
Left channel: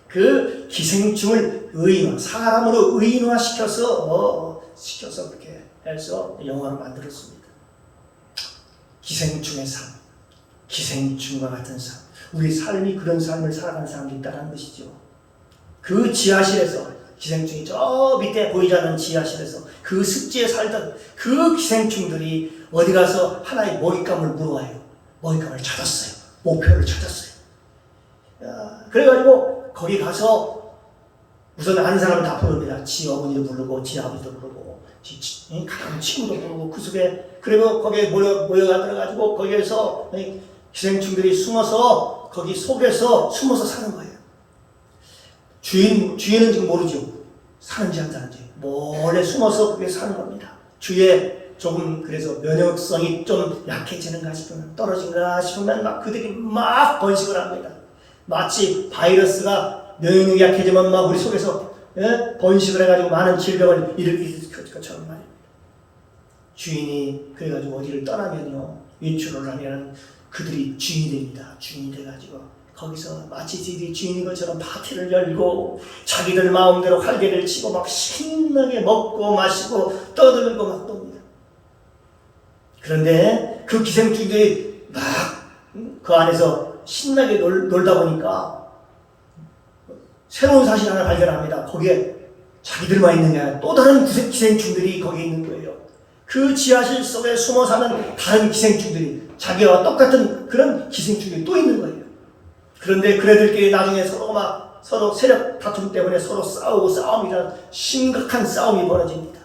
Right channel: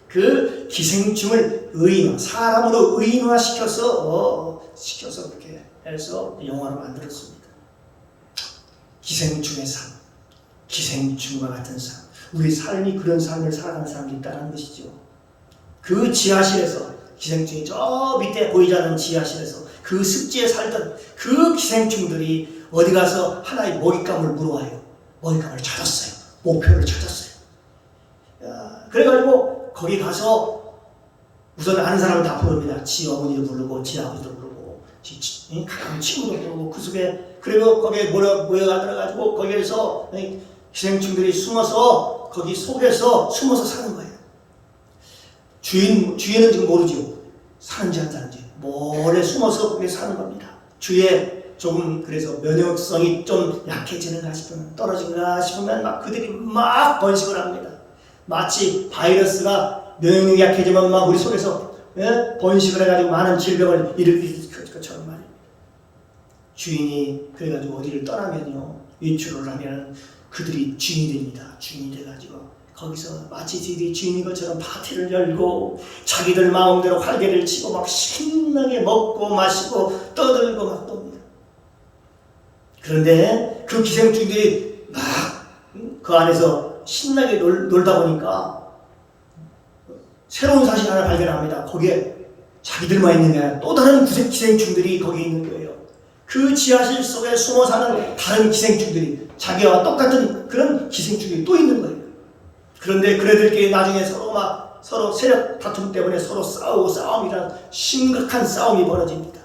그 기생충을 사람으로 의인화시켜서 그렇게 해서 영화를 만들었습니다. 기생충의 삶, 기생충과 같은 삶. 우리 삶이 그런 삶을 살아가는 사람들이 있다는 것이죠. 그 지하실에서 기생충이 저 밑에 보이지 않는 지하실에서 그 습지에 살던 그 기생충들이 어디 가서 하나의 먹잇감을 물어와요. 먹잇감을 찾았어요. 목표를 찾았어요. 그래가지고 거기 가서 우선 아는 사람을 다 부릅니다. 지 어머니도 부르고 지 아버지도 부르고 가까운 친구도 부르고 그 속에 그리고 거기에 모여들어가지고 거기에서 기생충들이 숨어서 거기 속에서 숨어서 사는 거예요. 주인은 지금 모르죠. 사는지 안 사는지. 몰래 숨어서 거기에 사는 겁니다. 주위에 조금 그래서 면역성이 좀 약해지는가 싶으면 떨어지는가 싶으면 막 그들이 막 번식을 합니다. 마치 바이러스가 면역력이 약해지면 막 우리 속에서 번식을 해가지고 많은 질병을 일으킬 것처럼 말이에요. 주인이 그래가지고 어디를 떠나면요, 외출을 하면 그들이 주인이 됩니다. 주인이 돼가지고 거기서 마치 주인인 것처럼 파티를 열고 자기들 마음대로 활개를 치고 막 신나게 먹고 마시고 떠들고 막 놉니다. 그런데 그 기생충들이 막 그 안에서 신나게 놀다 보니까 새로운 사실 하나 발견합니다. 거기에 자기들만 있는 게 아니라 또 다른 기생충들이 거기에 있는 거예요. 그 지하실 속에 숨어 사는 다른 기생충들이, 자기와 똑같은 그런 기생충들이 또 있는 거예요. 그런데 그네들끼리 나중에 서로 세력 다툼 때문에 서로 싸우고 싸움이란 심각한 싸움이 벌어집니다.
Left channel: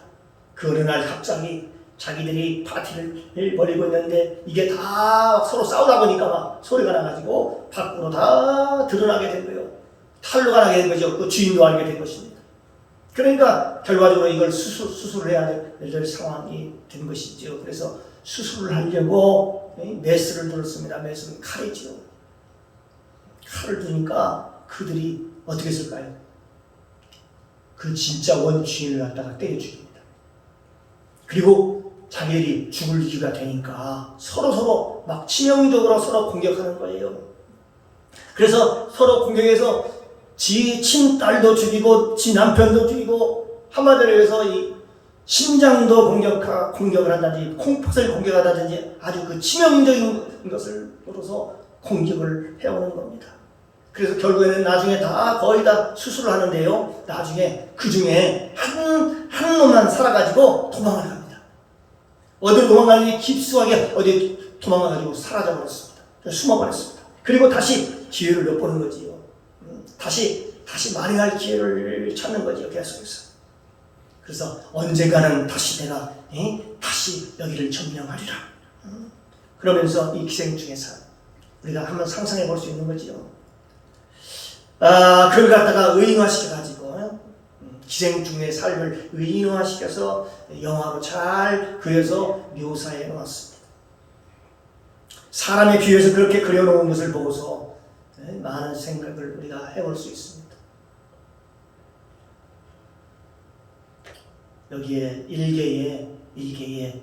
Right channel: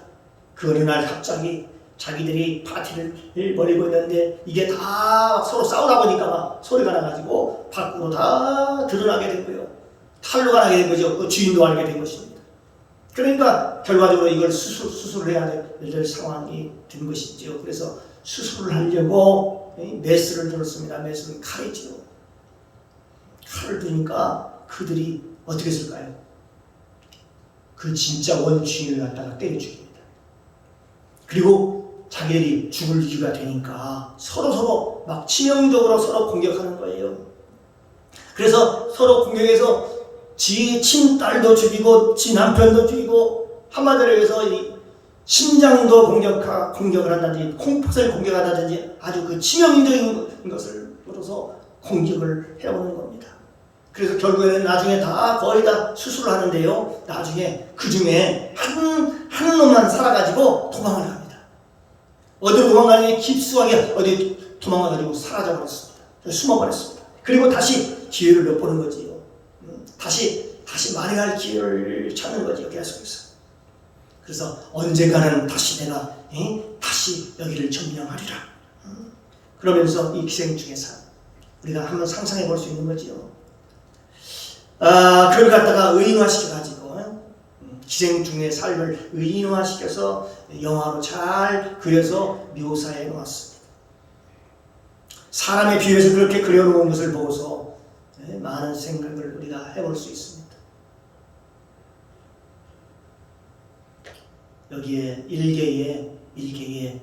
그 어느 날 갑자기 자기들이 파티를 벌이고 있는데 이게 다 서로 싸우다 보니까 막 소리가 나가지고 밖으로 다 드러나게 된 거예요. 탄로가 나게 된 거죠. 그 주인도 알게 된 것입니다. 그러니까 결과적으로 이걸 수술을 해야 될 상황이 된 것이죠. 그래서 수술을 하려고 메스를 들었습니다. 메스는 칼이죠. 칼을 두니까 그들이 어떻게 했을까요? 그 진짜 원주인을 갖다가 때려 죽입니다. 그리고 자기들이 죽을 이유가 되니까 서로 막 치명적으로 서로 공격하는 거예요. 그래서 서로 공격해서 지 친딸도 죽이고 지 남편도 죽이고, 한마디로 해서 이 심장도 공격을 한다든지 콩팥을 공격한다든지 아주 그 치명적인 것을 으로서 공격을 해오는 겁니다. 그래서 결국에는 나중에 다 거의 다 수술을 하는데요, 나중에 그 중에 한 놈만 살아가지고 도망을 갑니다. 어디로 도망가니 깊숙하게 어디 도망가가지고 사라져버렸습니다. 숨어버렸습니다. 그리고 다시 기회를 엿보는 거지요. 다시 만행할 기회를 찾는 거죠. 계속해서. 그래서 언젠가는 다시 내가 다시 여기를 점령하리라. 그러면서 이 기생충의 삶, 우리가 한번 상상해 볼 수 있는 거지요. 그걸 갖다가 의인화시켜가지고 기생충의 삶을 의인화시켜서 영화로 잘 그려서 묘사해 놓았습니다. 사람에 비유해서 그렇게 그려놓은 것을 보고서 많은 생각을 우리가 해볼 수 있습니다. 여기에 일개의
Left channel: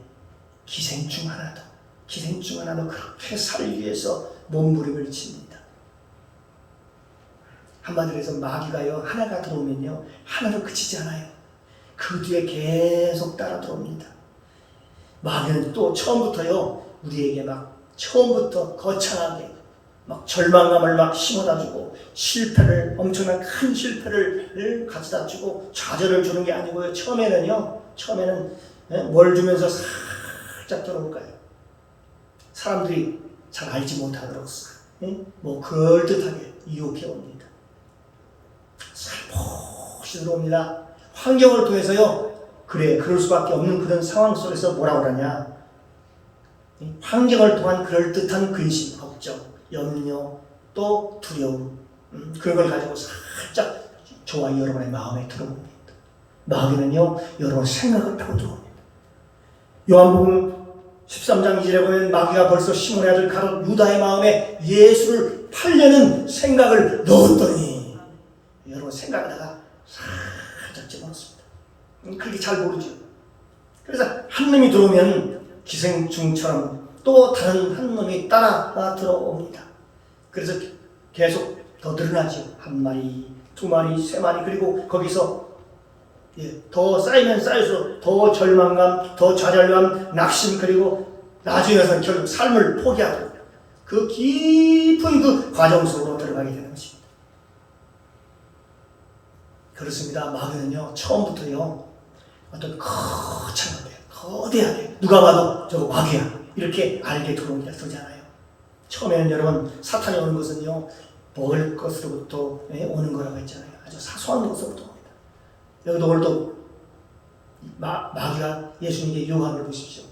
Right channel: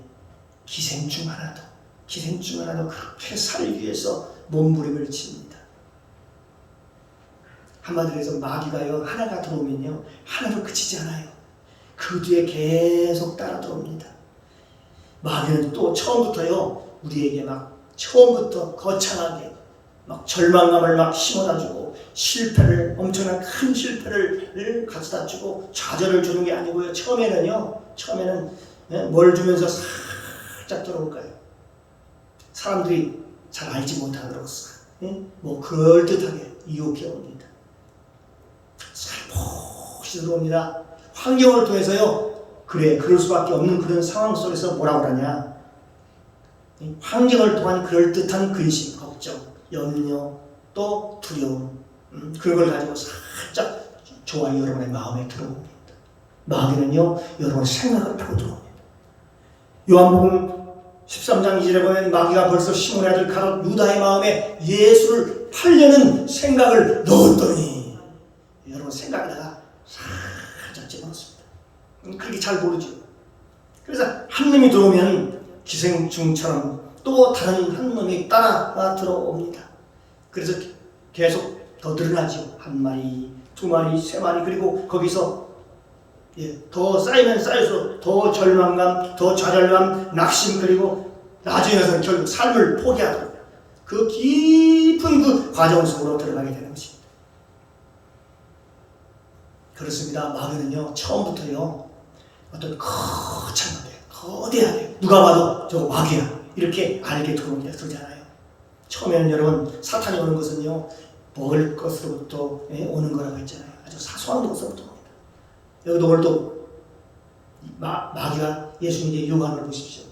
기생충 하나도 그렇게 살기 위해서 몸부림을 칩니다. 한마디로 해서 마귀가요, 하나가 들어오면요 하나도 그치지 않아요. 그 뒤에 계속 따라 들어옵니다. 마귀는 또 처음부터요 우리에게 막 처음부터 거창하게 막 절망감을 막 심어다주고 엄청난 큰 실패를 가져다주고 좌절을 주는 게 아니고요, 처음에는 뭘 주면서 살짝 들어올까요? 사람들이 잘 알지 못하도록 뭐 그럴듯하게 유혹해 옵니다. 살포시 들어옵니다. 환경을 통해서요, 그럴 수밖에 없는 그런 상황 속에서 뭐라고 그러냐, 환경을 통한 그럴듯한 근심, 걱정, 염려, 또 두려움, 그런 걸 가지고 살짝 좋아요 여러분의 마음에 들어옵니다. 마귀는요 여러분 생각을 펴고 들어옵니다. 요한복음 13장 2절에 보면 마귀가 벌써 시몬의 아들 가롯 유다의 마음에 예수를 팔려는 생각을 넣었더니, 여러분 생각에다가 살짝 집어넣습니다. 그렇게 잘 모르죠. 그래서 한 놈이 들어오면 기생충처럼 또 다른 한 놈이 따라 들어옵니다. 그래서 계속 더 늘어나죠. 한 마리, 두 마리, 세 마리, 그리고 거기서 더 쌓이면 쌓일수록 더 절망감, 더 좌절감, 낙심, 그리고 나중에는 결국 삶을 포기하고 그 깊은 그 과정 속으로 들어가게 되는 것입니다. 그렇습니다. 마귀는요 처음부터요 어떤 거대하게 누가 봐도 저거 마귀야 이렇게 알게 들어오잖아요. 처음에는 여러분 사탄이 오는 것은요 먹을 것으로부터 오는 거라고 했잖아요. 아주 사소한 것으로부터 옵니다. 여기도 오늘 또 마귀가 예수님께 유혹하는 걸 보십시오.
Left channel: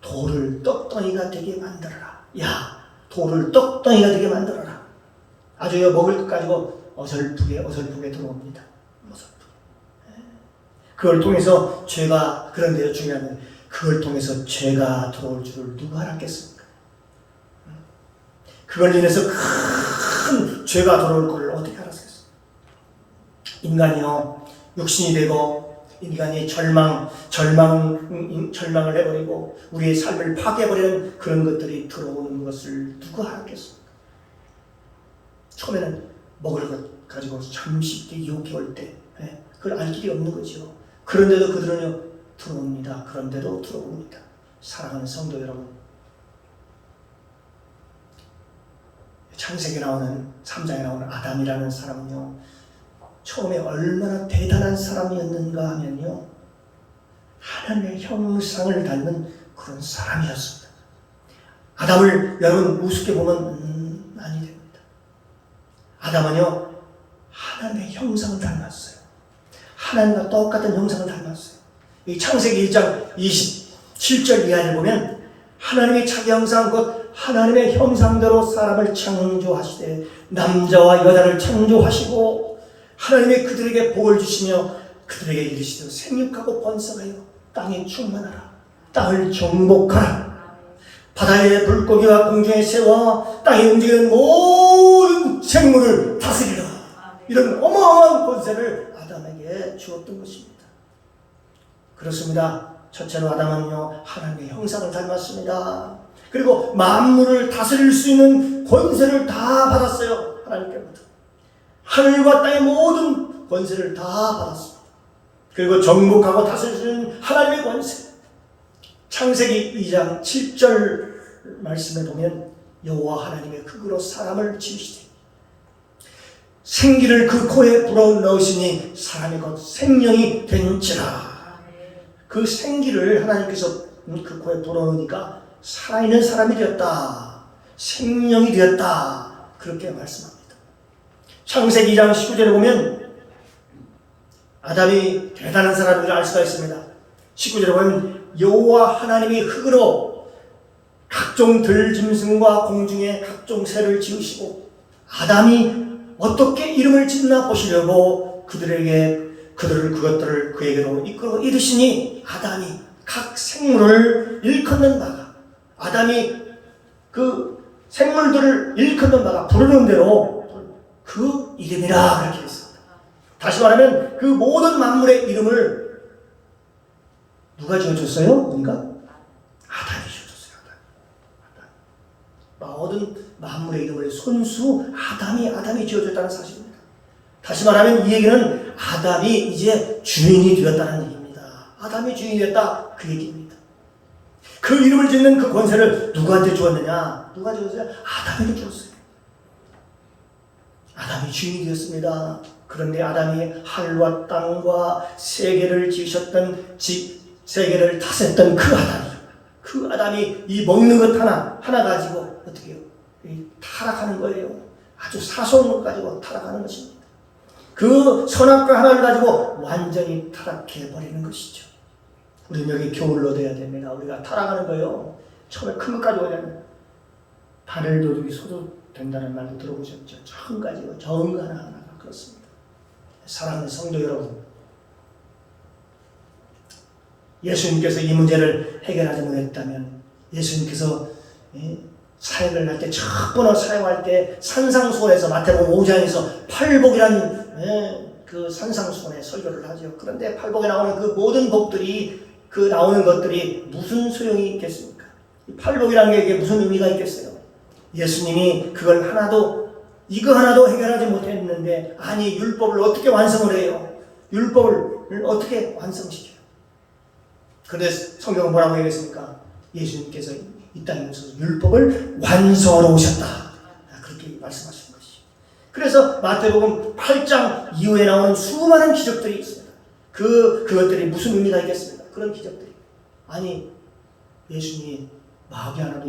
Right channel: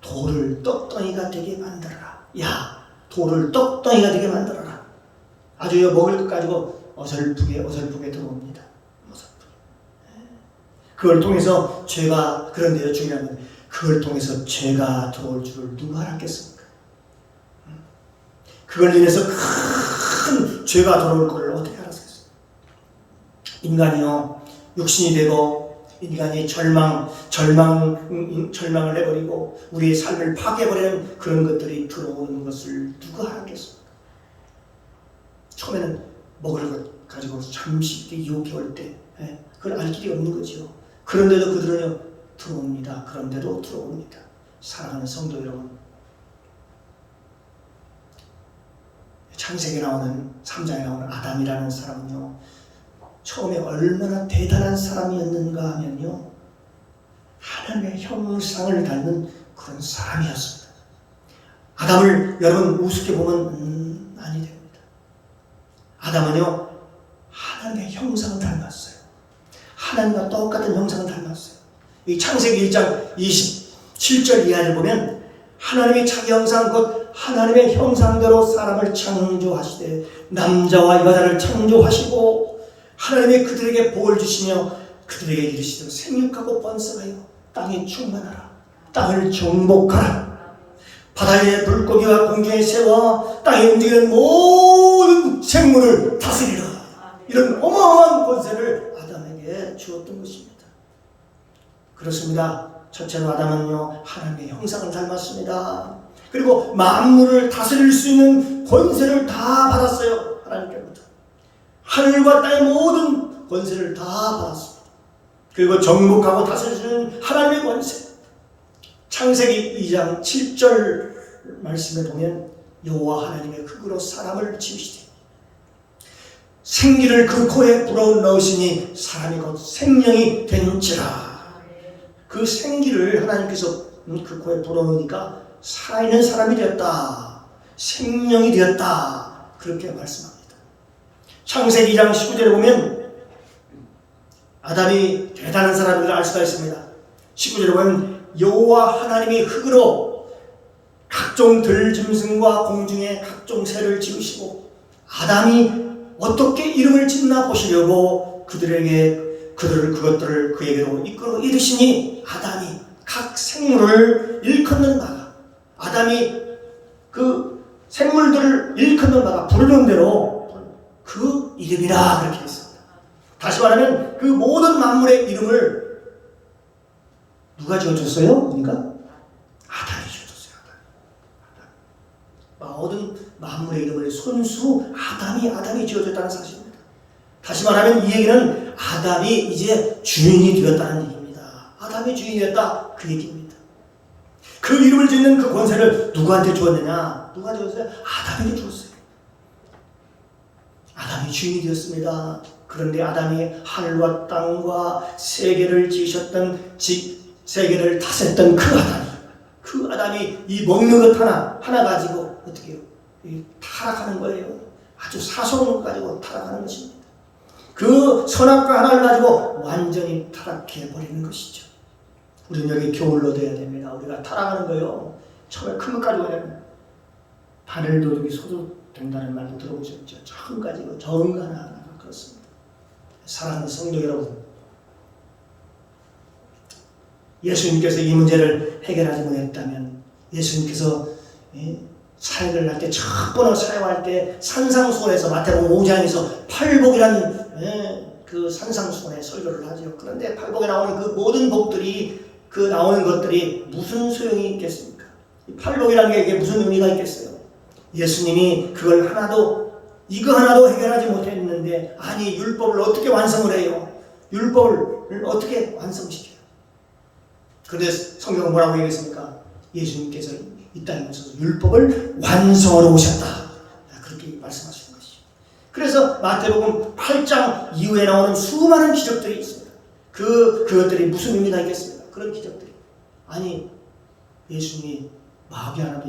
돌을 떡덩이가 되게 만들어라. 야, 돌을 떡덩이가 되게 만들어라. 아주 먹을 것 가지고 어설프게 들어옵니다. 그걸 통해서 죄가, 그런데요 중요한 건 그걸 통해서 죄가 들어올 줄을 누가 알았겠습니까? 그걸 인해서 큰 죄가 들어올 걸 어떻게 알았겠어요? 인간이요 육신이 되고 인간이 절망을 해버리고 우리의 삶을 파괴해버리는 그런 것들이 들어오는 것을 누가 알았겠습니까? 처음에는 먹을 것 가지고 잠시 이렇게 유혹해올 때 그걸 알 길이 없는 거죠. 그런데도 그들은 들어옵니다. 그런데도 들어옵니다. 사랑하는 성도 여러분, 창세기에 나오는 3장에 나오는 아담이라는 사람은요, 처음에 얼마나 대단한 사람이었는가 하면요, 하나님의 형상을 닮은 그런 사람이었습니다. 아담을 여러분 우습게 보면 아니 됩니다. 아담은요, 하나님의 형상을 닮았어요. 하나님과 똑같은 형상을 닮았어요. 이 창세기 1장 27절 이하를 보면 하나님이 자기 형상 곧 하나님의 형상대로 사람을 창조하시되 남자와 여자를 창조하시고 하나님이 그들에게 복을 주시며 그들에게 이르시되 생육하고 번성하여 땅에 충만하라. 땅을 정복하라. 바다의 물고기와 공중의 새와 땅에 움직이는 모든 생물을 다스리라. 이런 어마어마한 권세를 아담에게 주었던 것입니다. 그렇습니다. 첫째로 아담은요, 하나님의 형상을 닮았습니다. 그리고 만물을 다스릴 수 있는 권세를 다 받았어요. 하나님께로부터. 하늘과 땅의 모든 권세를 다 받았습니다. 그리고 정복하고 다스리는 하나님의 권세. 창세기 2장 7절 말씀에 보면 여호와 하나님의 흙으로 사람을 지으시되 생기를 그 코에 불어넣으시니 사람이 곧 생명이 된지라. 그 생기를 하나님께서 그 코에 불어넣으니까 살아있는 사람이 되었다. 생명이 되었다. 그렇게 말씀합니다. 창세기 2장 19절에 보면 아담이 대단한 사람을 알 수가 있습니다. 19절에 보면 여호와 하나님이 흙으로 각종 들짐승과 공중의 각종 새를 지으시고 아담이 어떻게 이름을 짓나 보시려고 그것들을 그에게로 이끌어 이르시니 아담이 각 생물을 일컫는 바가 아담이 그 생물들을 일컫는 바가 부르는 대로 그 이름이라 그렇게 했습니다. 다시 말하면 그 모든 만물의 이름을 누가 지어줬어요? 그러니까 아담이 지어줬어요. 아담. 모든 만물의 이름을 손수 아담이 지어줬다는 사실입니다. 다시 말하면 이 얘기는 아담이 이제 주인이 되었다는 얘기입니다. 아담이 주인이 되었다 그 얘기입니다. 그 이름을 짓는 그 권세를 누구한테 주었느냐? 누가 주었어요? 아담에게 주었어요. 아담이 주인이 되었습니다. 그런데 아담이 하늘과 땅과 세계를 지으셨던 세계를 다스렸던 그 아담이 이 먹는 것 하나 가지고 어떻게 해요? 타락하는 거예요. 아주 사소한 것 가지고 타락하는 것입니다. 그 선악과 하나를 가지고 완전히 타락해버리는 것이죠. 우리는 여기 교훈을 얻어야 됩니다. 우리가 타락하는 거요. 처음에 큰 것 가지고 되는 바늘 도둑이 소도 된다는 말도 들어보셨죠. 큰 것 가지고 적은 거 하나 그렇습니다. 사랑하는 성도 여러분, 예수님께서 이 문제를 해결하지 못했다면 예수님께서 사역을 할 때 첫 번호 사역할 때 산상수훈에서 마태복음 5장에서 팔복이라는 그 산상수훈에 설교를 하죠. 그런데 팔복에 나오는 그 모든 복들이 그 나오는 것들이 무슨 소용이 있겠습니까? 팔복이라는 게 이게 무슨 의미가 있겠어요? 예수님이 그걸 이거 하나도 해결하지 못했는데 아니 율법을 어떻게 완성을 해요? 율법을 어떻게 완성시켜요? 그런데 성경은 뭐라고 얘기했습니까? 예수님께서 이 땅에 오셔서 율법을 완성하러 오셨다. 그렇게 말씀하시는 것이죠. 그래서 마태복음 8장 이후에 나오는 수많은 기적들이 있습니다. 그것들이 무슨 의미가 있겠습니까? 그런 기적들이. 아니 예수님이 마귀 하나도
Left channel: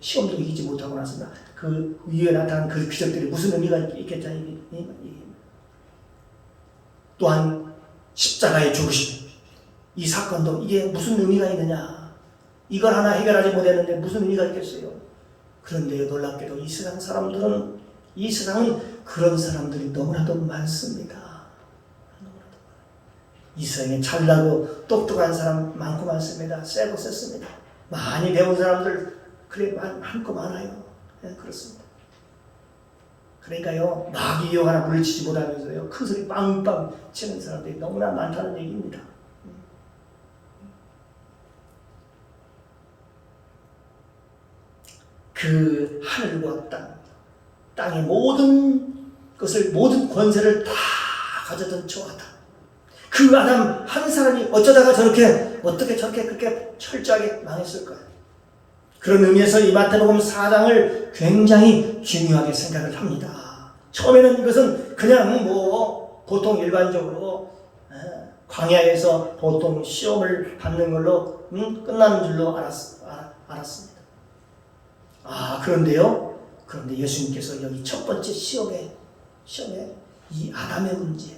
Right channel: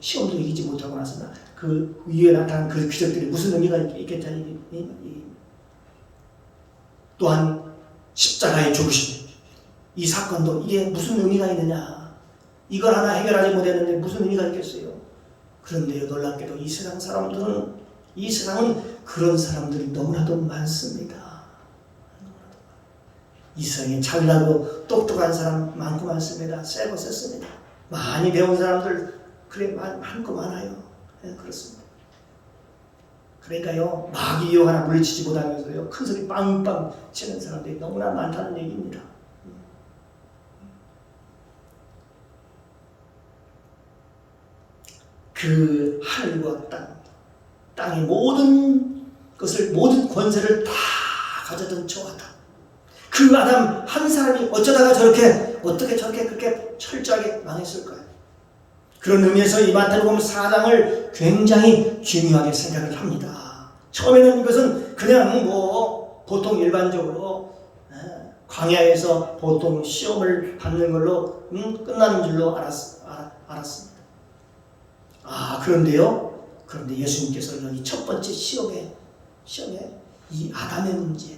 시험도 이기지 못하고 나서나 그 위에 나타난 그 기적들이 무슨 의미가 있겠다는 얘기입니다. 또한 십자가의 죽으심. 이 사건도 이게 무슨 의미가 있느냐. 이걸 하나 해결하지 못했는데 무슨 의미가 있겠어요. 그런데 놀랍게도 이 세상은 그런 사람들이 너무나도 많습니다. 이 세상에 잘나고 똑똑한 사람 많고 많습니다. 세고 셌습니다. 많이 배운 사람들 그래 많고 많아요. 그렇습니다. 그러니까요 마귀 유혹 하나 물리치지 못하면서요 큰 소리 빵빵 치는 사람들이 너무나 많다는 얘기입니다. 그 하늘과 땅 땅의 모든 것을, 모든 권세를 다 가졌던 저 아담. 그 아담 한 사람이 어쩌다가 어떻게 저렇게 그렇게 철저하게 망했을까요? 그런 의미에서 이 마태복음 4장을 굉장히 중요하게 생각을 합니다. 처음에는 이것은 그냥 보통 일반적으로 광야에서 보통 시험을 받는 걸로 끝나는 줄로 알았습니다. 그런데 예수님께서 여기 첫 번째 시험에 이 아담의 문제,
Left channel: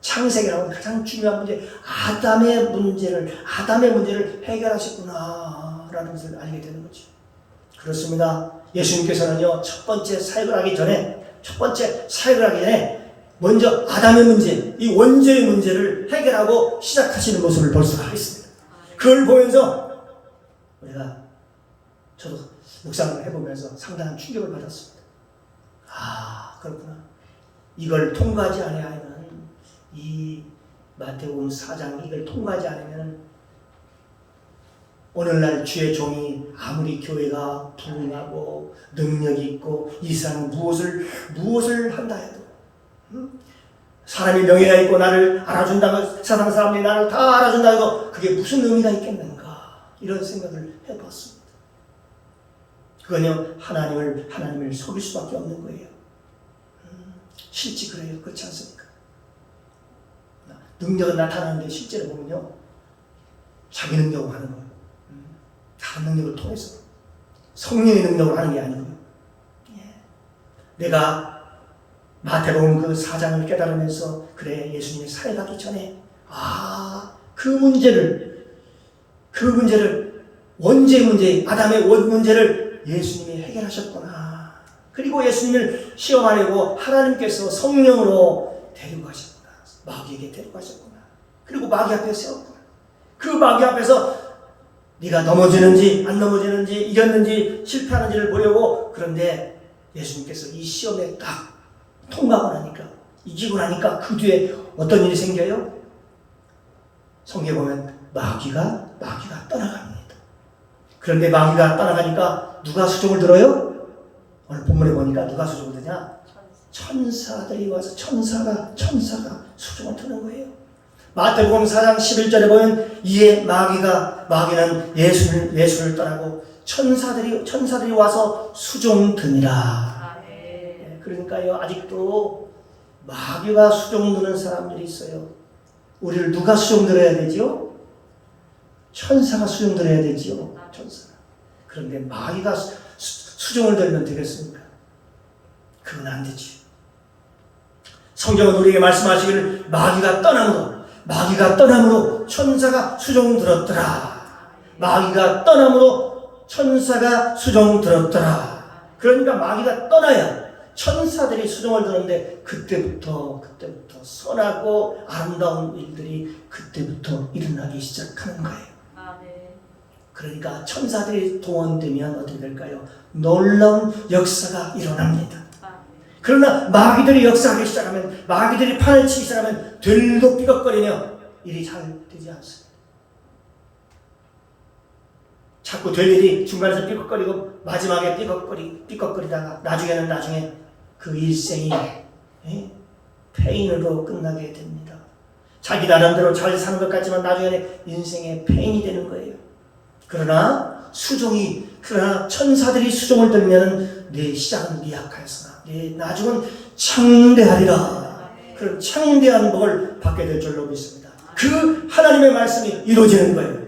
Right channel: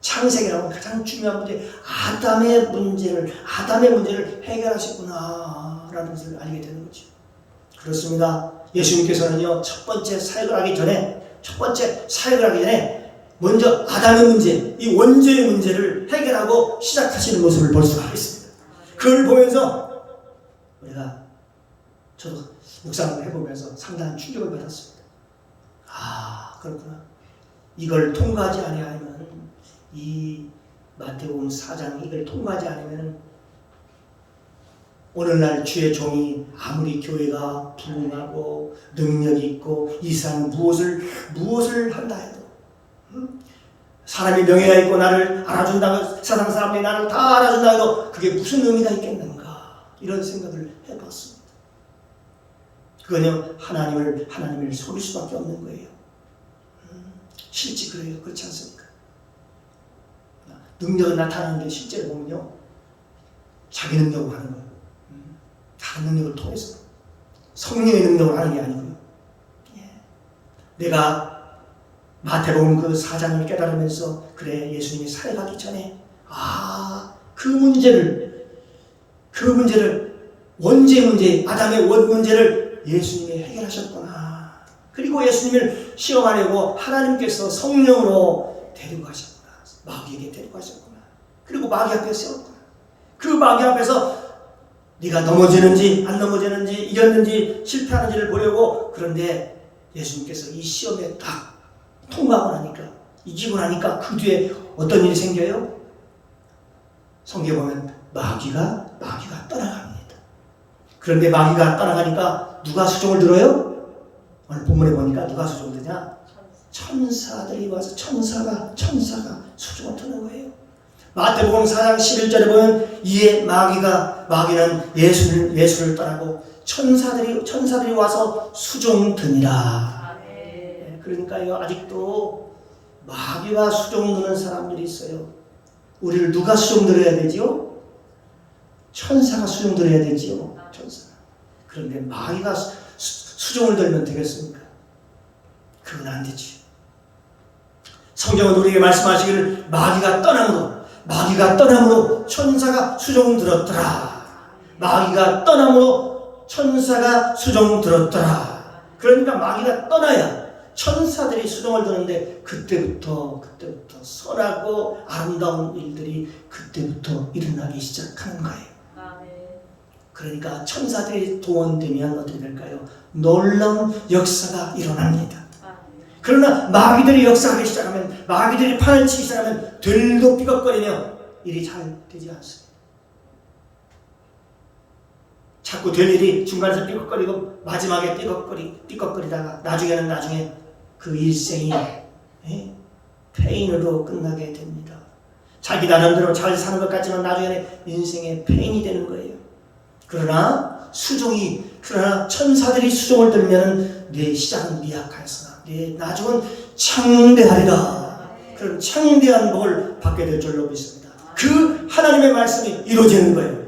창세기라는 가장 중요한 문제, 아담의 문제를 해결하셨구나라는 것을 알게 되는 거죠. 그렇습니다. 예수님께서는요, 첫 번째 사역을 하기 전에 먼저 아담의 문제, 이 원죄의 문제를 해결하고 시작하시는 모습을 볼 수가 있습니다. 그걸 보면서 저도 묵상을 해보면서 상당한 충격을 받았습니다. 그렇구나. 이걸 통과하지 아니하면, 이 마태복음 4장 이걸 통과하지 않으면 오늘날 주의 종이 아무리 교회가 부흥하고 능력이 있고 이 세상 무엇을 한다 해도 사람이 명예가 있고 나를 알아준다고, 세상 사람들이 나를 다 알아준다 해도 그게 무슨 의미가 있겠는가, 이런 생각을 해봤습니다. 그건요, 하나님을 속일 수밖에 없는 거예요. 실제 그래요. 그렇지 않습니까? 능력은 나타나는데 실제로 보면요, 자기 능력으로 하는 거예요. 다른 능력을 통해서 성령의 능력을 하는 게 아니고요. 내가 마태복음 그 4장을 깨달으면서 그래, 예수님이 살아가기 전에 그 문제를 원죄의 문제, 아담의 원 문제를 예수님이 해결하셨구나. 그리고 예수님을 시험하려고 하나님께서 성령으로 데리고 가셨구나. 마귀에게 데리고 가셨구나. 그리고 마귀 앞에 세웠구나. 그 마귀 앞에서 네가 넘어지는지 안 넘어지는지, 이겼는지 실패하는지를 보려고. 그런데 예수님께서 이 시험에 딱 통과하고 나니까, 이기고 나니까 그 뒤에 어떤 일이 생겨요? 성경에 보면 마귀가 떠나갑니다. 그런데 마귀가 떠나가니까 누가 수종을 들어요? 오늘 본문에 보니까 누가 수종을 드냐? 천사들이 와서 천사가 수종을 드는 거예요. 마태복음 4장 11절에 보면 이에 마귀는 예수를 떠나고 천사들이 와서 수종 드니라. 그러니까요, 아직도 마귀가 수종 드는 사람들이 있어요. 우리를 누가 수종 들어야 되지요? 천사가 수종 들어야 되지요. 천사. 그런데 마귀가 수종을 들면 되겠습니까? 그건 안 되지. 성경은 우리에게 말씀하시기를 마귀가 떠남으로 천사가 수종 들었더라. 마귀가 떠남으로 천사가 수종 들었더라. 그러니까 마귀가 떠나야 천사들이 수종을 드는데 그때부터 선하고 아름다운 일들이 그때부터 일어나기 시작하는 거예요. 그러니까 천사들이 동원되면 어떻게 될까요? 놀라운 역사가 일어납니다. 그러나 마귀들이 역사하기 시작하면, 마귀들이 판을 치기 시작하면 될도 삐걱거리며 일이 잘 되지 않습니다. 자꾸 될 일이 중간에서 삐걱거리고 마지막에 삐걱거리다가 나중에 그 일생이 페인으로 끝나게 됩니다. 자기 나름대로 잘 사는 것 같지만 나중에는 인생의 페인이 되는 거예요. 그러나 천사들이 수종을 들면 내 시작은 미약하였으나 내 나중은 창대하리라. 그런 창대한 복을 받게 될 줄로 믿습니다. 그 하나님의 말씀이 이루어지는 거예요.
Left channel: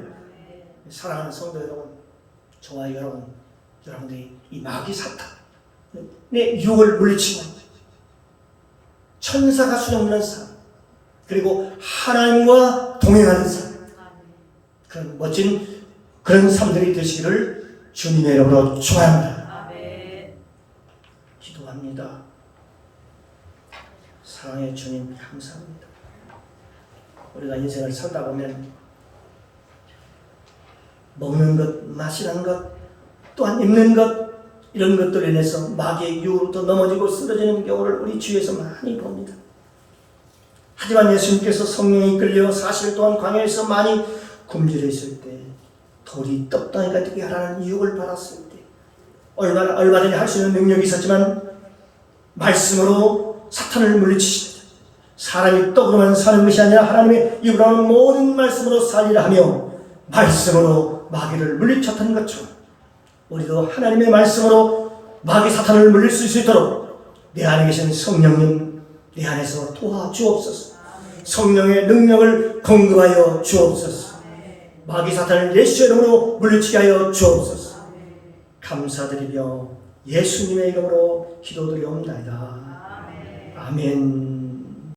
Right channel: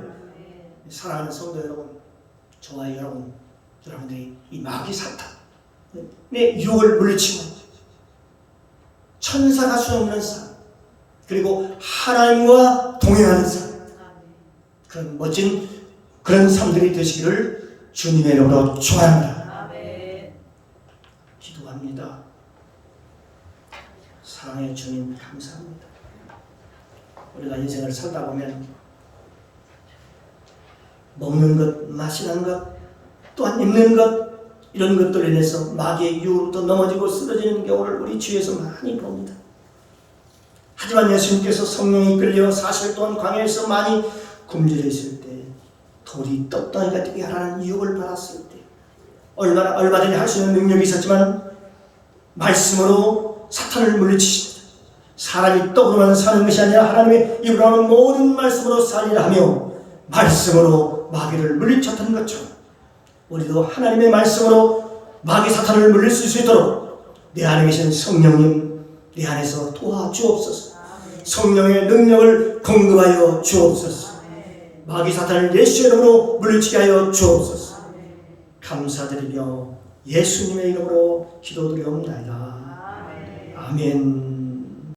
사랑하는 성도 여러분, 저와 여러분들이 이 마귀 사탄의 유혹을 물리치고 천사가 수종드는 삶, 그리고 하나님과 동행하는 삶, 그런 멋진 그런 삶들이 되시기를 주님의 이름으로 축원합니다. 기도합니다. 사랑의 주님, 감사합니다. 우리가 인생을 살다 보면 먹는 것, 마시는 것, 또한 입는 것, 이런 것들로 인해서 마귀의 유혹으로부터 넘어지고 쓰러지는 경우를 우리 주위에서 많이 봅니다. 하지만 예수님께서 성령이 이끌려 40일 동안 광야에서 많이 굶주려 있을 때, 돌이 떡덩이가 되게 하라는 유혹을 받았을 때, 얼마든지 할 수 있는 능력이 있었지만 말씀으로 사탄을 물리치십니다. 사람이 떡으로만 사는 것이 아니라 하나님의 입으로 하는 모든 말씀으로 살리라 하며 말씀으로 마귀를 물리쳤던 것처럼 우리도 하나님의 말씀으로 마귀 사탄을 물릴 수 있도록 내 안에 계신 성령님 내 안에서 도와주옵소서. 성령의 능력을 공급하여 주옵소서. 마귀 사탄을 예수의 이름으로 물리치게 하여 주옵소서. 감사드리며 예수님의 이름으로 기도드리옵나이다. 아멘.